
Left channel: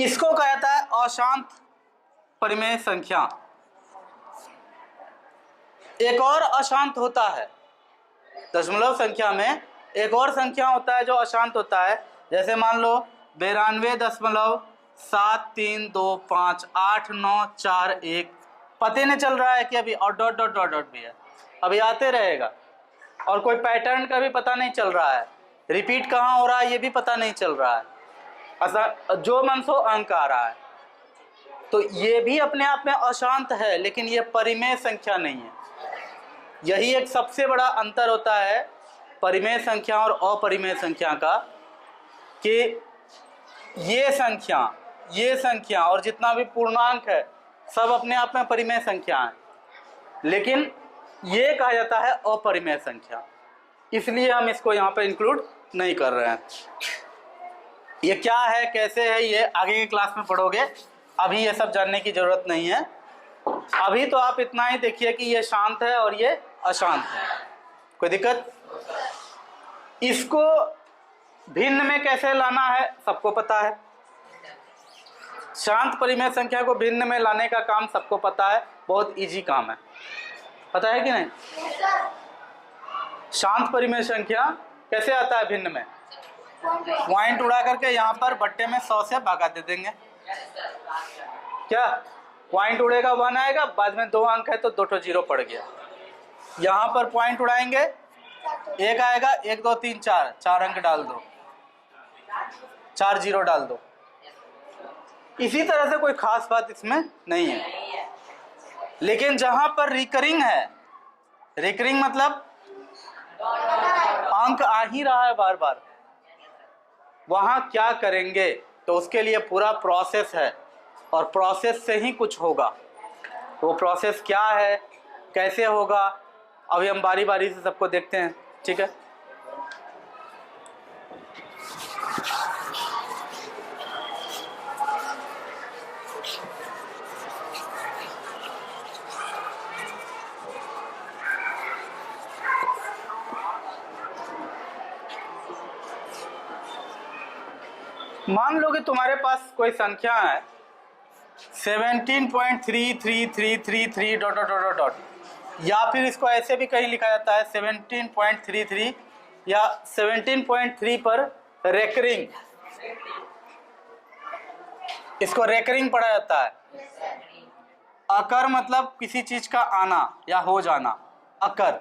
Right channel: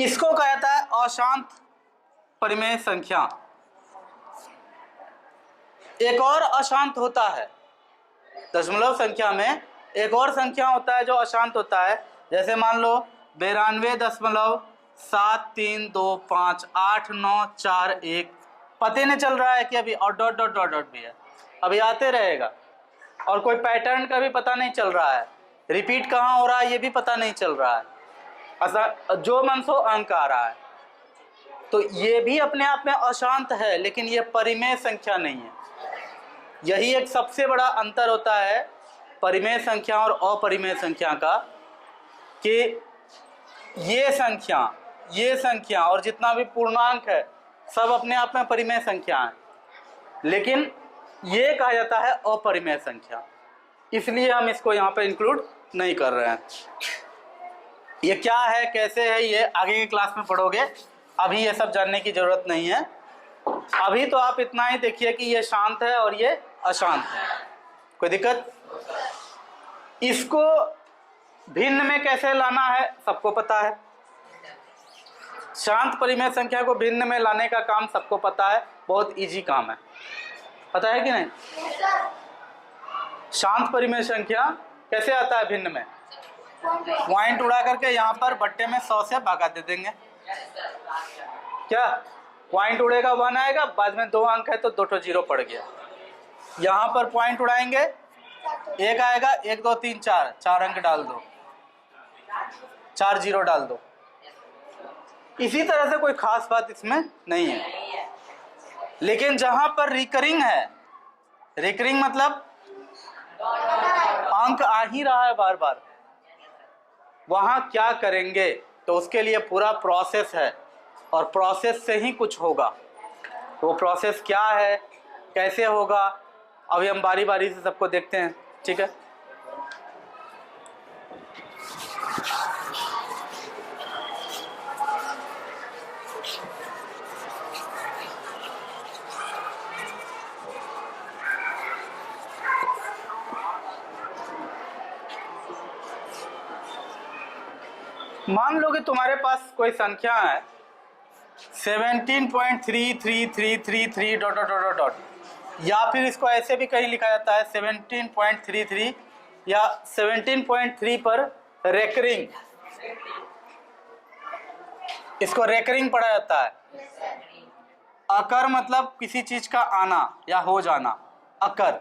इसको कहता है अशांत परिमेय संख्या। एक और अशांत होता है दशमलव संख्या में, एक और संख्या होता है जो अशांत होता है। जैसे मान लो 92.73258941, पते नहीं चल रहा है कि अभी और डॉट डॉट डॉट डॉट भी है, अभी आते रहेगा, और कोई पैटर्न का भी पता नहीं चल रहा है, रिपीट कहाँ हो रहा है ये भी पता नहीं चल रहा है, जो मन सो अंक आ रहा है। तो ये भी अपने आप में अशांत है, लेकिन ये परिमेय संख्या नहीं है। यही एक सबसे बड़ा अंतर होता है परिमेय संख्या और अपरिमेय संख्या का, कि ये संख्या और जितना भी पूर्णांक है सब अपने आप में परिमेय संख्या है, लेकिन ये कहा जाता है अपरिमेय संख्या, इसलिए हम इसको यहाँ पे इंक्लूड नहीं कर रहे हैं। ये क्या है, कैसे है, ये आगे की क्लास में पढ़ोगे, अभी ये सब जानने की जरूरत नहीं है। अभी तो आप इतना ही देखिए कि ये शांत है और ये अशांत है। कोई दिक्कत? इसको भिन्न में कैसे लाना है सबको पता है। शांत परिमेय संख्या को भिन्न में लाने का काम सबको पता है, बहुत इजी काम है, पता है कि नहीं? शांत परिमेय संख्या कैसे आता है भिन्न में? पॉइंट उड़ा करके यहाँ पर बट्टे में 100 से भागा दे देंगे। क्या पॉइंट उड़ेगा 1 आएगा, बाद में 2 अंक है तो 2 तो 0 पड़ गया। यहाँ पर पॉइंट उड़ाएंगे 1 आएगा, 1 2 3 4, 4 अंक डाल दो, 4 0 डाल दो। इसी तरह से कोई खास बात इसमें नहीं है। लेकिन जहां पर रिकरिंग है, रिकरिंग मतलब अंक आ ही रहा है बार बार, वहां क्या करेंगे? तो उसके लिए पूरा प्रोसेस है, और प्रोसेस से ही कुछ होगा। वो प्रोसेस क्या है, कैसे होगा, अभी हम बारी बारी से सबको देखते हैं, ठीक है? मान लो कि तुम्हारे पास कोई संख्या है 17.33333 डॉट डॉट डॉट डॉट, या फिर इसको ऐसे भी कहीं लिखा जाता है 17.33 या 17.3 पर रेकरिंग, इसको रेकरिंग पढ़ा जाता है। अकर मतलब किसी चीज का आना या हो जाना, अकर।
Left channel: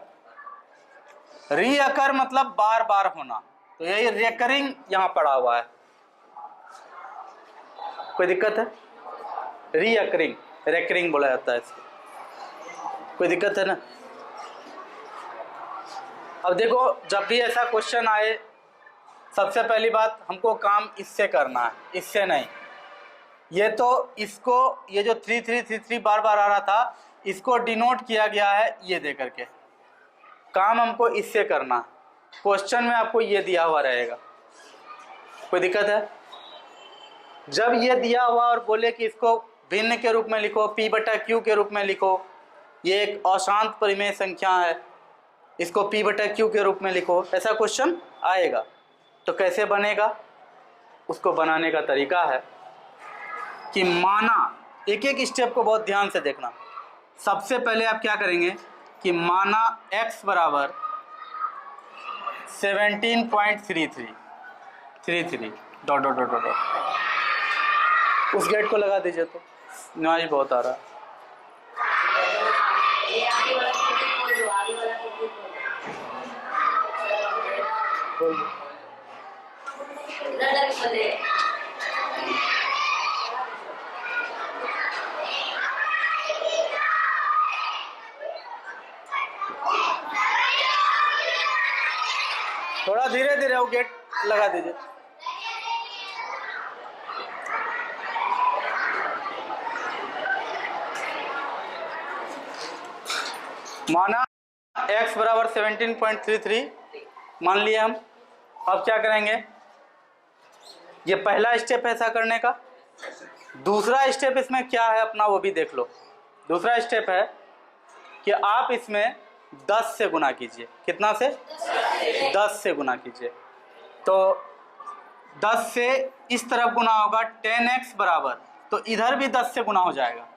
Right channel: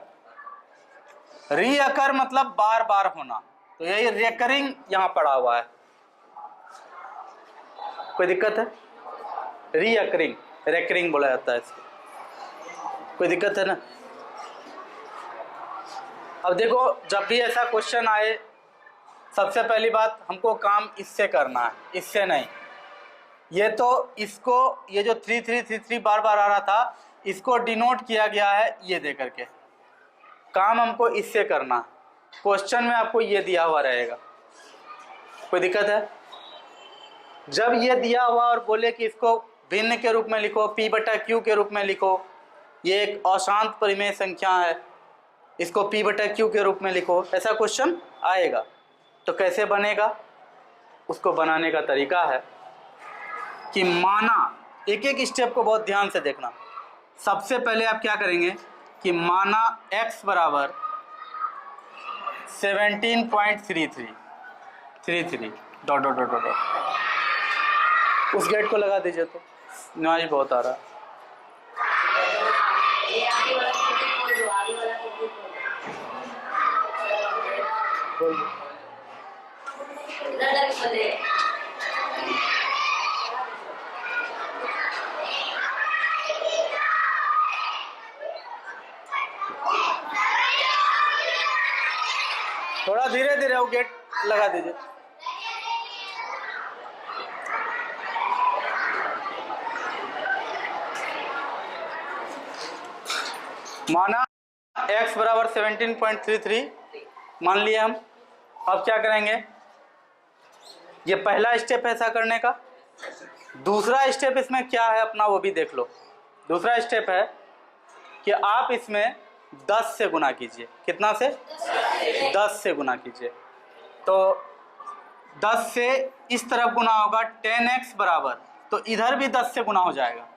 री अकर मतलब बार बार होना, तो यही रेकरिंग यहाँ पढ़ा हुआ है। कोई दिक्कत है? रीअकरिंग, रेकरिंग बोला जाता है इसको। कोई दिक्कत है ना? अब देखो, जब भी ऐसा क्वेश्चन आए, सबसे पहली बात हमको काम इससे करना है, इससे नहीं। ये तो इसको, ये जो 3333 बार बार आ रहा था, इसको डिनोट किया गया है ये दे करके। काम हमको इससे करना है। क्वेश्चन में आपको ये दिया हुआ रहेगा। कोई दिक्कत है? जब ये दिया हुआ और बोले कि इसको भिन्न के रूप में लिखो, P/Q के रूप में लिखो, ये एक अशांत परिमेय संख्या है, इसको P/Q के रूप में लिखो, ऐसा क्वेश्चन आएगा। तो कैसे बनेगा? उसको बनाने का तरीका है कि माना, एक एक स्टेप को बहुत ध्यान से देखना। सबसे पहले आप क्या करेंगे कि माना x बराबर 17.33 डॉट डॉट डॉट डॉट, उस गेट को लगा दीजिए। तो नॉइज बहुत आ रहा है। थोड़ा धीरे धीरे वो गेट लगा दीजिए। माना x बराबर 17.33 मान लिए हम। अब क्या करेंगे? ये पहला स्टेप है ऐसा करने का। दूसरा स्टेप इसमें क्या है अपना, वो भी देख लो। दूसरा स्टेप है कि आप इसमें 10 से गुना कीजिए। कितना से? 10 से गुना कीजिए। तो 10 से इस तरफ गुना होगा 10x बराबर, तो इधर भी 10 से गुना हो जाएगा।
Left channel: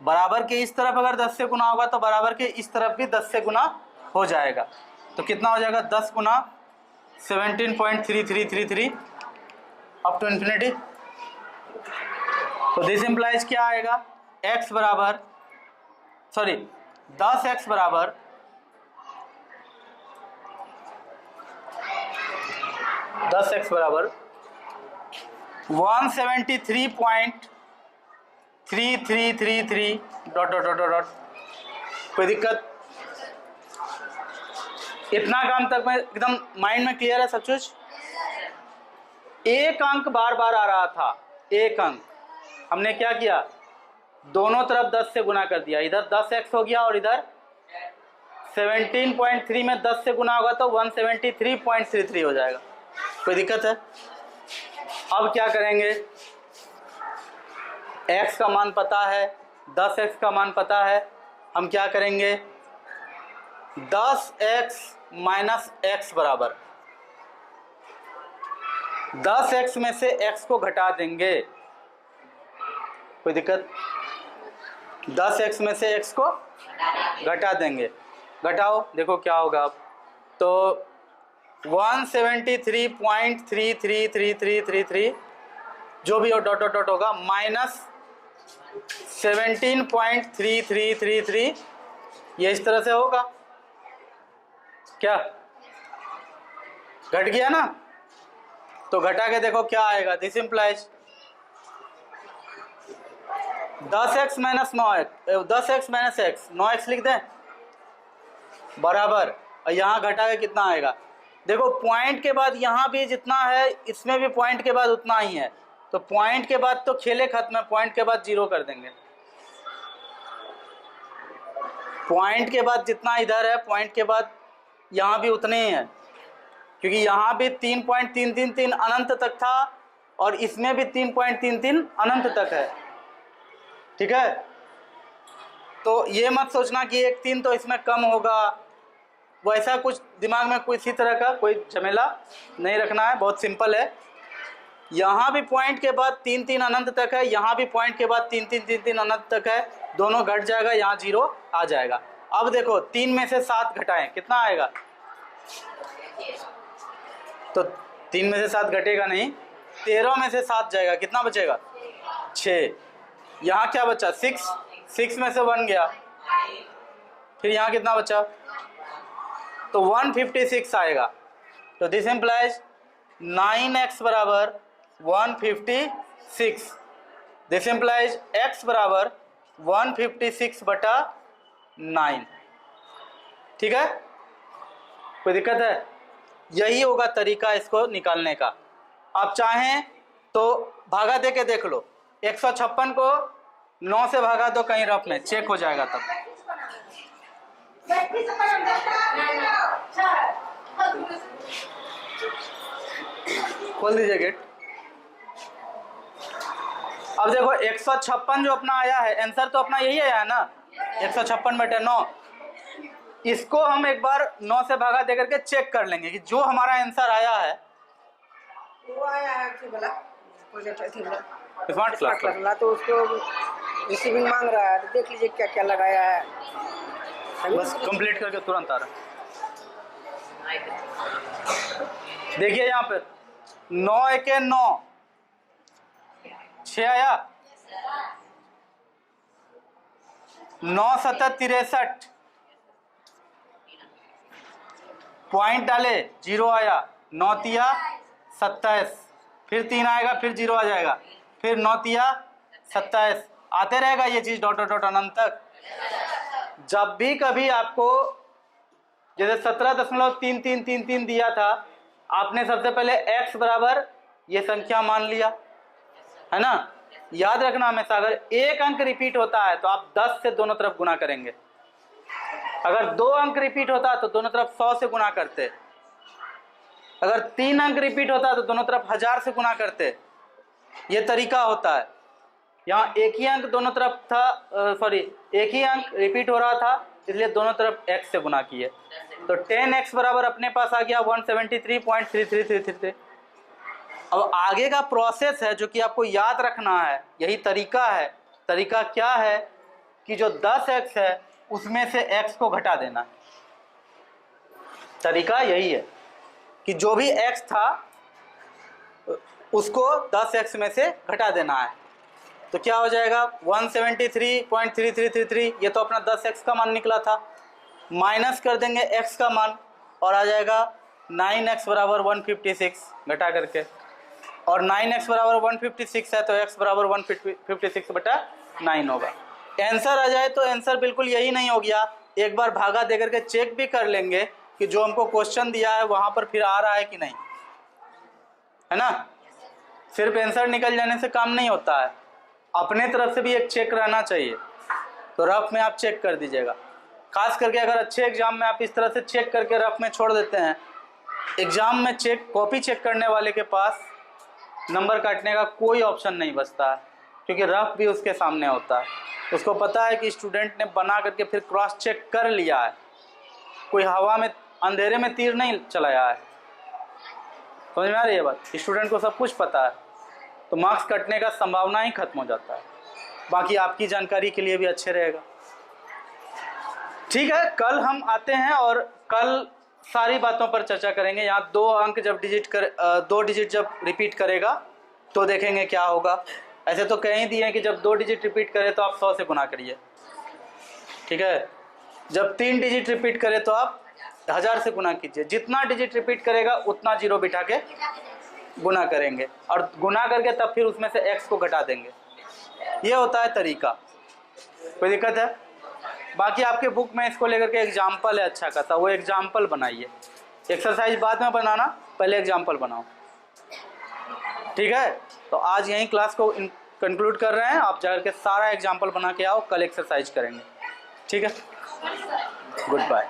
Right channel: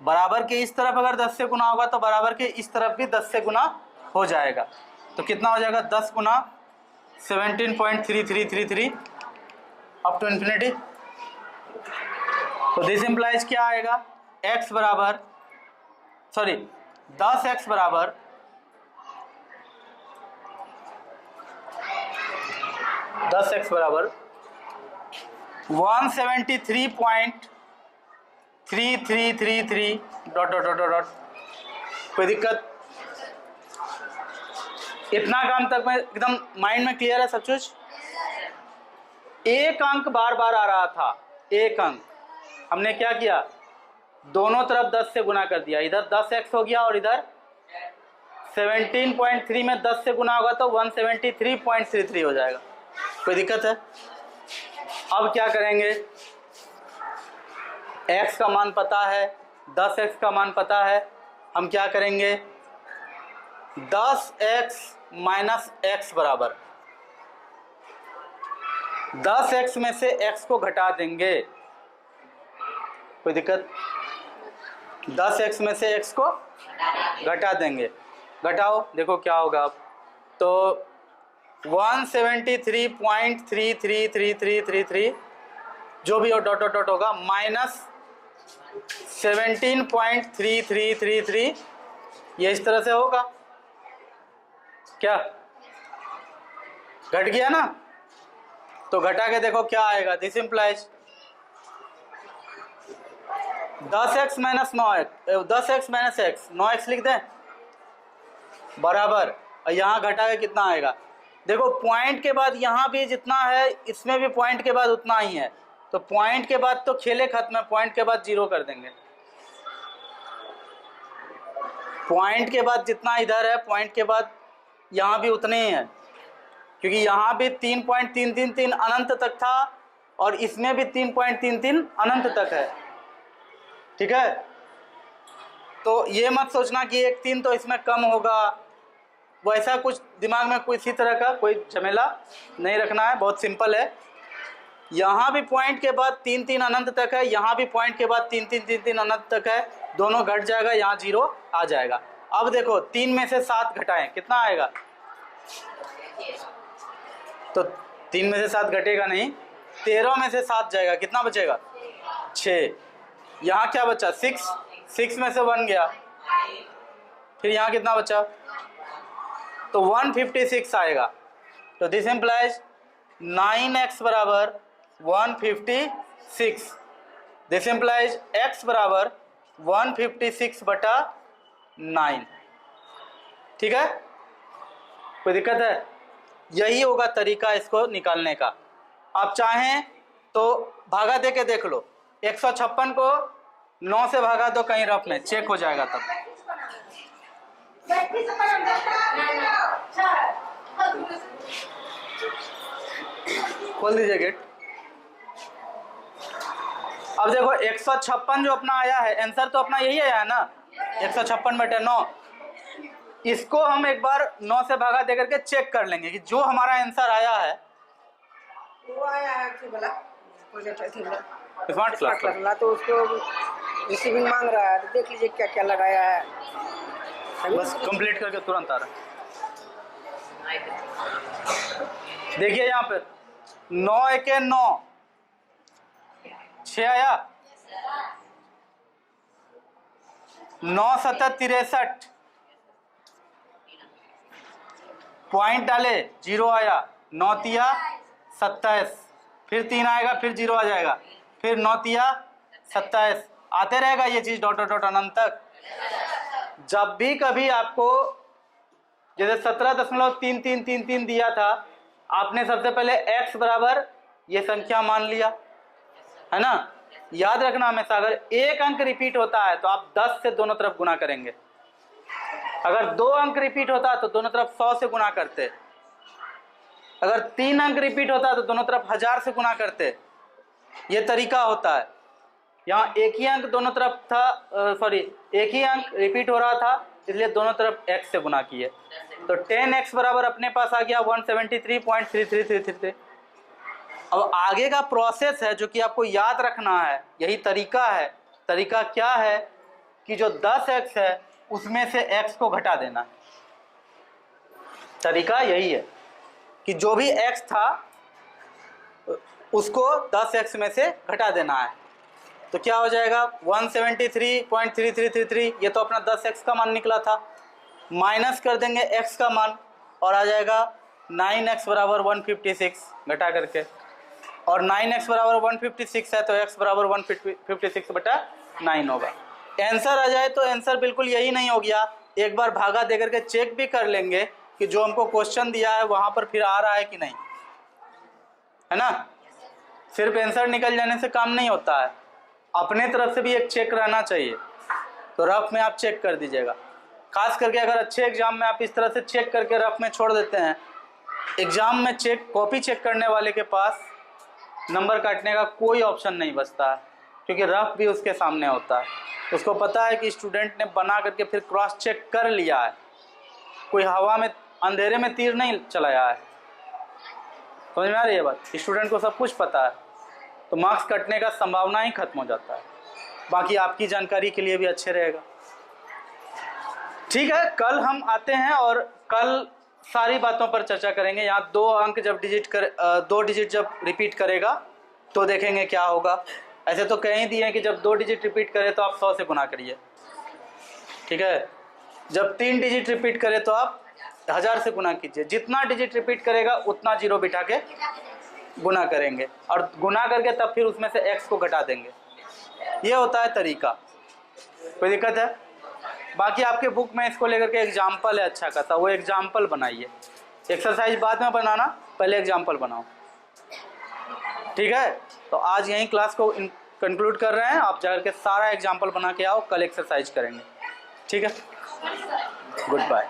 बराबर के इस तरफ अगर 10 से गुना होगा तो बराबर के इस तरफ भी 10 से गुना हो जाएगा। तो कितना हो जाएगा 10 गुना 17.3333 अप टू इन्फिनिटी। तो दिस इम्प्लाइज क्या आएगा, x बराबर 10x बराबर 173.3333 डॉट डॉट डॉट डॉट। कोई दिक्कत? इतना काम तक में एकदम माइंड में क्लियर है सब कुछ? एक अंक बार बार आ रहा था, एक अंक, हमने क्या किया, दोनों तरफ 10 से गुना कर दिया। इधर 10x हो गया और इधर 17.3 में 10 से गुना होगा तो 173.33 हो जाएगा। कोई दिक्कत है? अब क्या करेंगे, x का मान पता है, 10x का मान पता है, हम क्या करेंगे 10x माइनस x बराबर 10x में से x को घटा देंगे। कोई दिक्कत? 10x में से x को घटा देंगे, घटाओ देखो क्या होगा। अब तो 173.333333 जो भी हो डॉट डॉट डॉट होगा माइनस 17.3333, ये इस तरह से होगा। क्या घट गया ना? तो घटा के देखो क्या आएगा। This implies 10x minus 9x, 10x minus x, 9x लिख दें बराबर, और यहाँ घटा के कितना आएगा। देखो पॉइंट के बाद यहाँ भी जितना है इसमें भी पॉइंट के बाद उतना ही है, तो पॉइंट के बाद तो खेले खत्म है, पॉइंट के बाद 0 कर देंगे। पॉइंट के बाद जितना इधर है पॉइंट के बाद यहाँ भी उतने ही है, क्योंकि यहाँ भी 3.333 अनंत तक था और इसमें भी 3.33 अनंत तक है। ठीक है, तो ये मत सोचना कि एक 3 तो इसमें कम होगा, वैसा कुछ दिमाग में कोई इसी तरह का कोई झमेला नहीं रखना है, बहुत सिंपल है। यहाँ भी पॉइंट के बाद 3 अनंत तक है, यहाँ भी पॉइंट के बाद 3 अनंत तक है, दोनों घट जाएगा, यहाँ 0 आ जाएगा। अब देखो 3 में से 7 घटाएं कितना आएगा, तो 3 में से 7 घटेगा नहीं, 13 में से 7 जाएगा, कितना बचेगा 6। यहाँ क्या बचा 6 में से 1 गया, फिर यहाँ कितना बचा, तो 156 आएगा। तो दिस इम्प्लाइज 9x बराबर 156, दिस इम्प्लाइज x बराबर 156 बटा 9। ठीक है, कोई दिक्कत है? यही होगा तरीका इसको निकालने का। आप चाहें तो भागा दे के देख लो, 156 को 9 से भागा दो कहीं रफ में, चेक हो जाएगा तब। खोल दीजिए गेट। अब देखो 156 जो अपना आया है, आंसर तो अपना यही आया है ना, 156/9। इसको हम एक बार 9 से भागा दे करके चेक कर लेंगे कि जो हमारा आंसर आया है वो आया है प्रोजेक्ट स्मार्ट क्लास करना, तो उसको रिसीविंग मांग रहा है, तो देख लीजिए क्या क्या लगाया है। बस कंप्लीट करके तुरंत आ रहा। देखिए यहाँ पे 9 × 9 6 आया, 9 × 7 = 63, पॉइंट डाले 0 आया, 9 × 3 = 27, फिर 3 आएगा, फिर 0 आ जाएगा, फिर 9 × 3 = 27, आते रहेगा ये चीज डॉट डॉट डॉट अनंत तक। जब भी कभी आपको जैसे 17.3333 दिया था, आपने सबसे पहले x बराबर ये संख्या मान लिया है ना। याद रखना हमेशा, अगर एक अंक रिपीट होता है तो आप 10 से दोनों तरफ गुना करेंगे, अगर 2 अंक रिपीट होता है तो दोनों तरफ 100 से गुना करते, अगर 3 अंक रिपीट होता है तो दोनों तरफ 1000 से गुना करते। ये तरीका होता है। यहाँ एक ही अंक दोनों तरफ था, एक ही अंक रिपीट हो रहा था, इसलिए दोनों तरफ x से गुना किए, तो 10x बराबर अपने पास आ गया 173.3333। अब आगे का प्रोसेस है जो कि आपको याद रखना है, यही तरीका है। तरीका क्या है कि जो 10x है उसमें से x को घटा देना है। तरीका यही है कि जो भी x था उसको 10x में से घटा देना है। तो क्या हो जाएगा 173.3333, ये तो अपना 10x का मान निकला था, माइनस कर देंगे x का मान और आ जाएगा 9x बराबर 156 घटा करके, और 9x बराबर 156 है तो x बराबर 156/9 होगा। आंसर आ जाए तो आंसर बिल्कुल यही नहीं हो गया, एक बार भागा दे करके चेक भी कर लेंगे कि जो हमको क्वेश्चन दिया है वहाँ पर फिर आ रहा है कि नहीं, है ना। सिर्फ आंसर निकल जाने से काम नहीं होता है, अपने तरफ से भी एक चेक रहना चाहिए। तो रफ में आप चेक कर दीजिएगा, खास करके अगर अच्छे एग्जाम में आप इस तरह से चेक करके रफ में छोड़ देते हैं, एग्जाम में कॉपी चेक करने वाले के पास नंबर काटने का कोई ऑप्शन नहीं बचता है, क्योंकि रफ भी उसके सामने होता है। उसको पता है कि स्टूडेंट ने बना करके फिर क्रॉस चेक कर लिया है, कोई हवा में अंधेरे में तीर नहीं चलाया है। समझ में आ रही है बात, स्टूडेंट को सब कुछ पता है, तो मार्क्स कटने का संभावना ही खत्म हो जाता है। बाकी आपकी जानकारी के लिए भी अच्छे रहेगा। ठीक है, कल हम आते हैं और कल सारी बातों पर चर्चा करेंगे। यहाँ 2 अंक जब 2 डिजिट जब रिपीट करेगा तो देखेंगे क्या होगा। ऐसे तो कहीं दिए हैं कि जब 2 डिजिट रिपीट करे तो आप 100 से गुना करिए, ठीक है। जब 3 डिजिट रिपीट करे तो आप 1000 से गुना कीजिए। जितना डिजिट रिपीट करेगा उतना जीरो बिठा के गुना करेंगे, और गुना करके तब फिर उसमें से x को घटा देंगे। ये होता है तरीका, कोई दिक्कत है। बाकी आपके बुक में इसको लेकर के एग्जाम्पल है अच्छा खासा, वो एग्जाम्पल बनाइए। एक्सरसाइज बाद में बनाना, पहले एग्जाम्पल बनाओ, ठीक है। तो आज यहीं क्लास को कंक्लूड कर रहे हैं। आप जाकर के सारा एग्जाम्पल बना के आओ, कल एक्सरसाइज करेंगे, ठीक है। Good bye.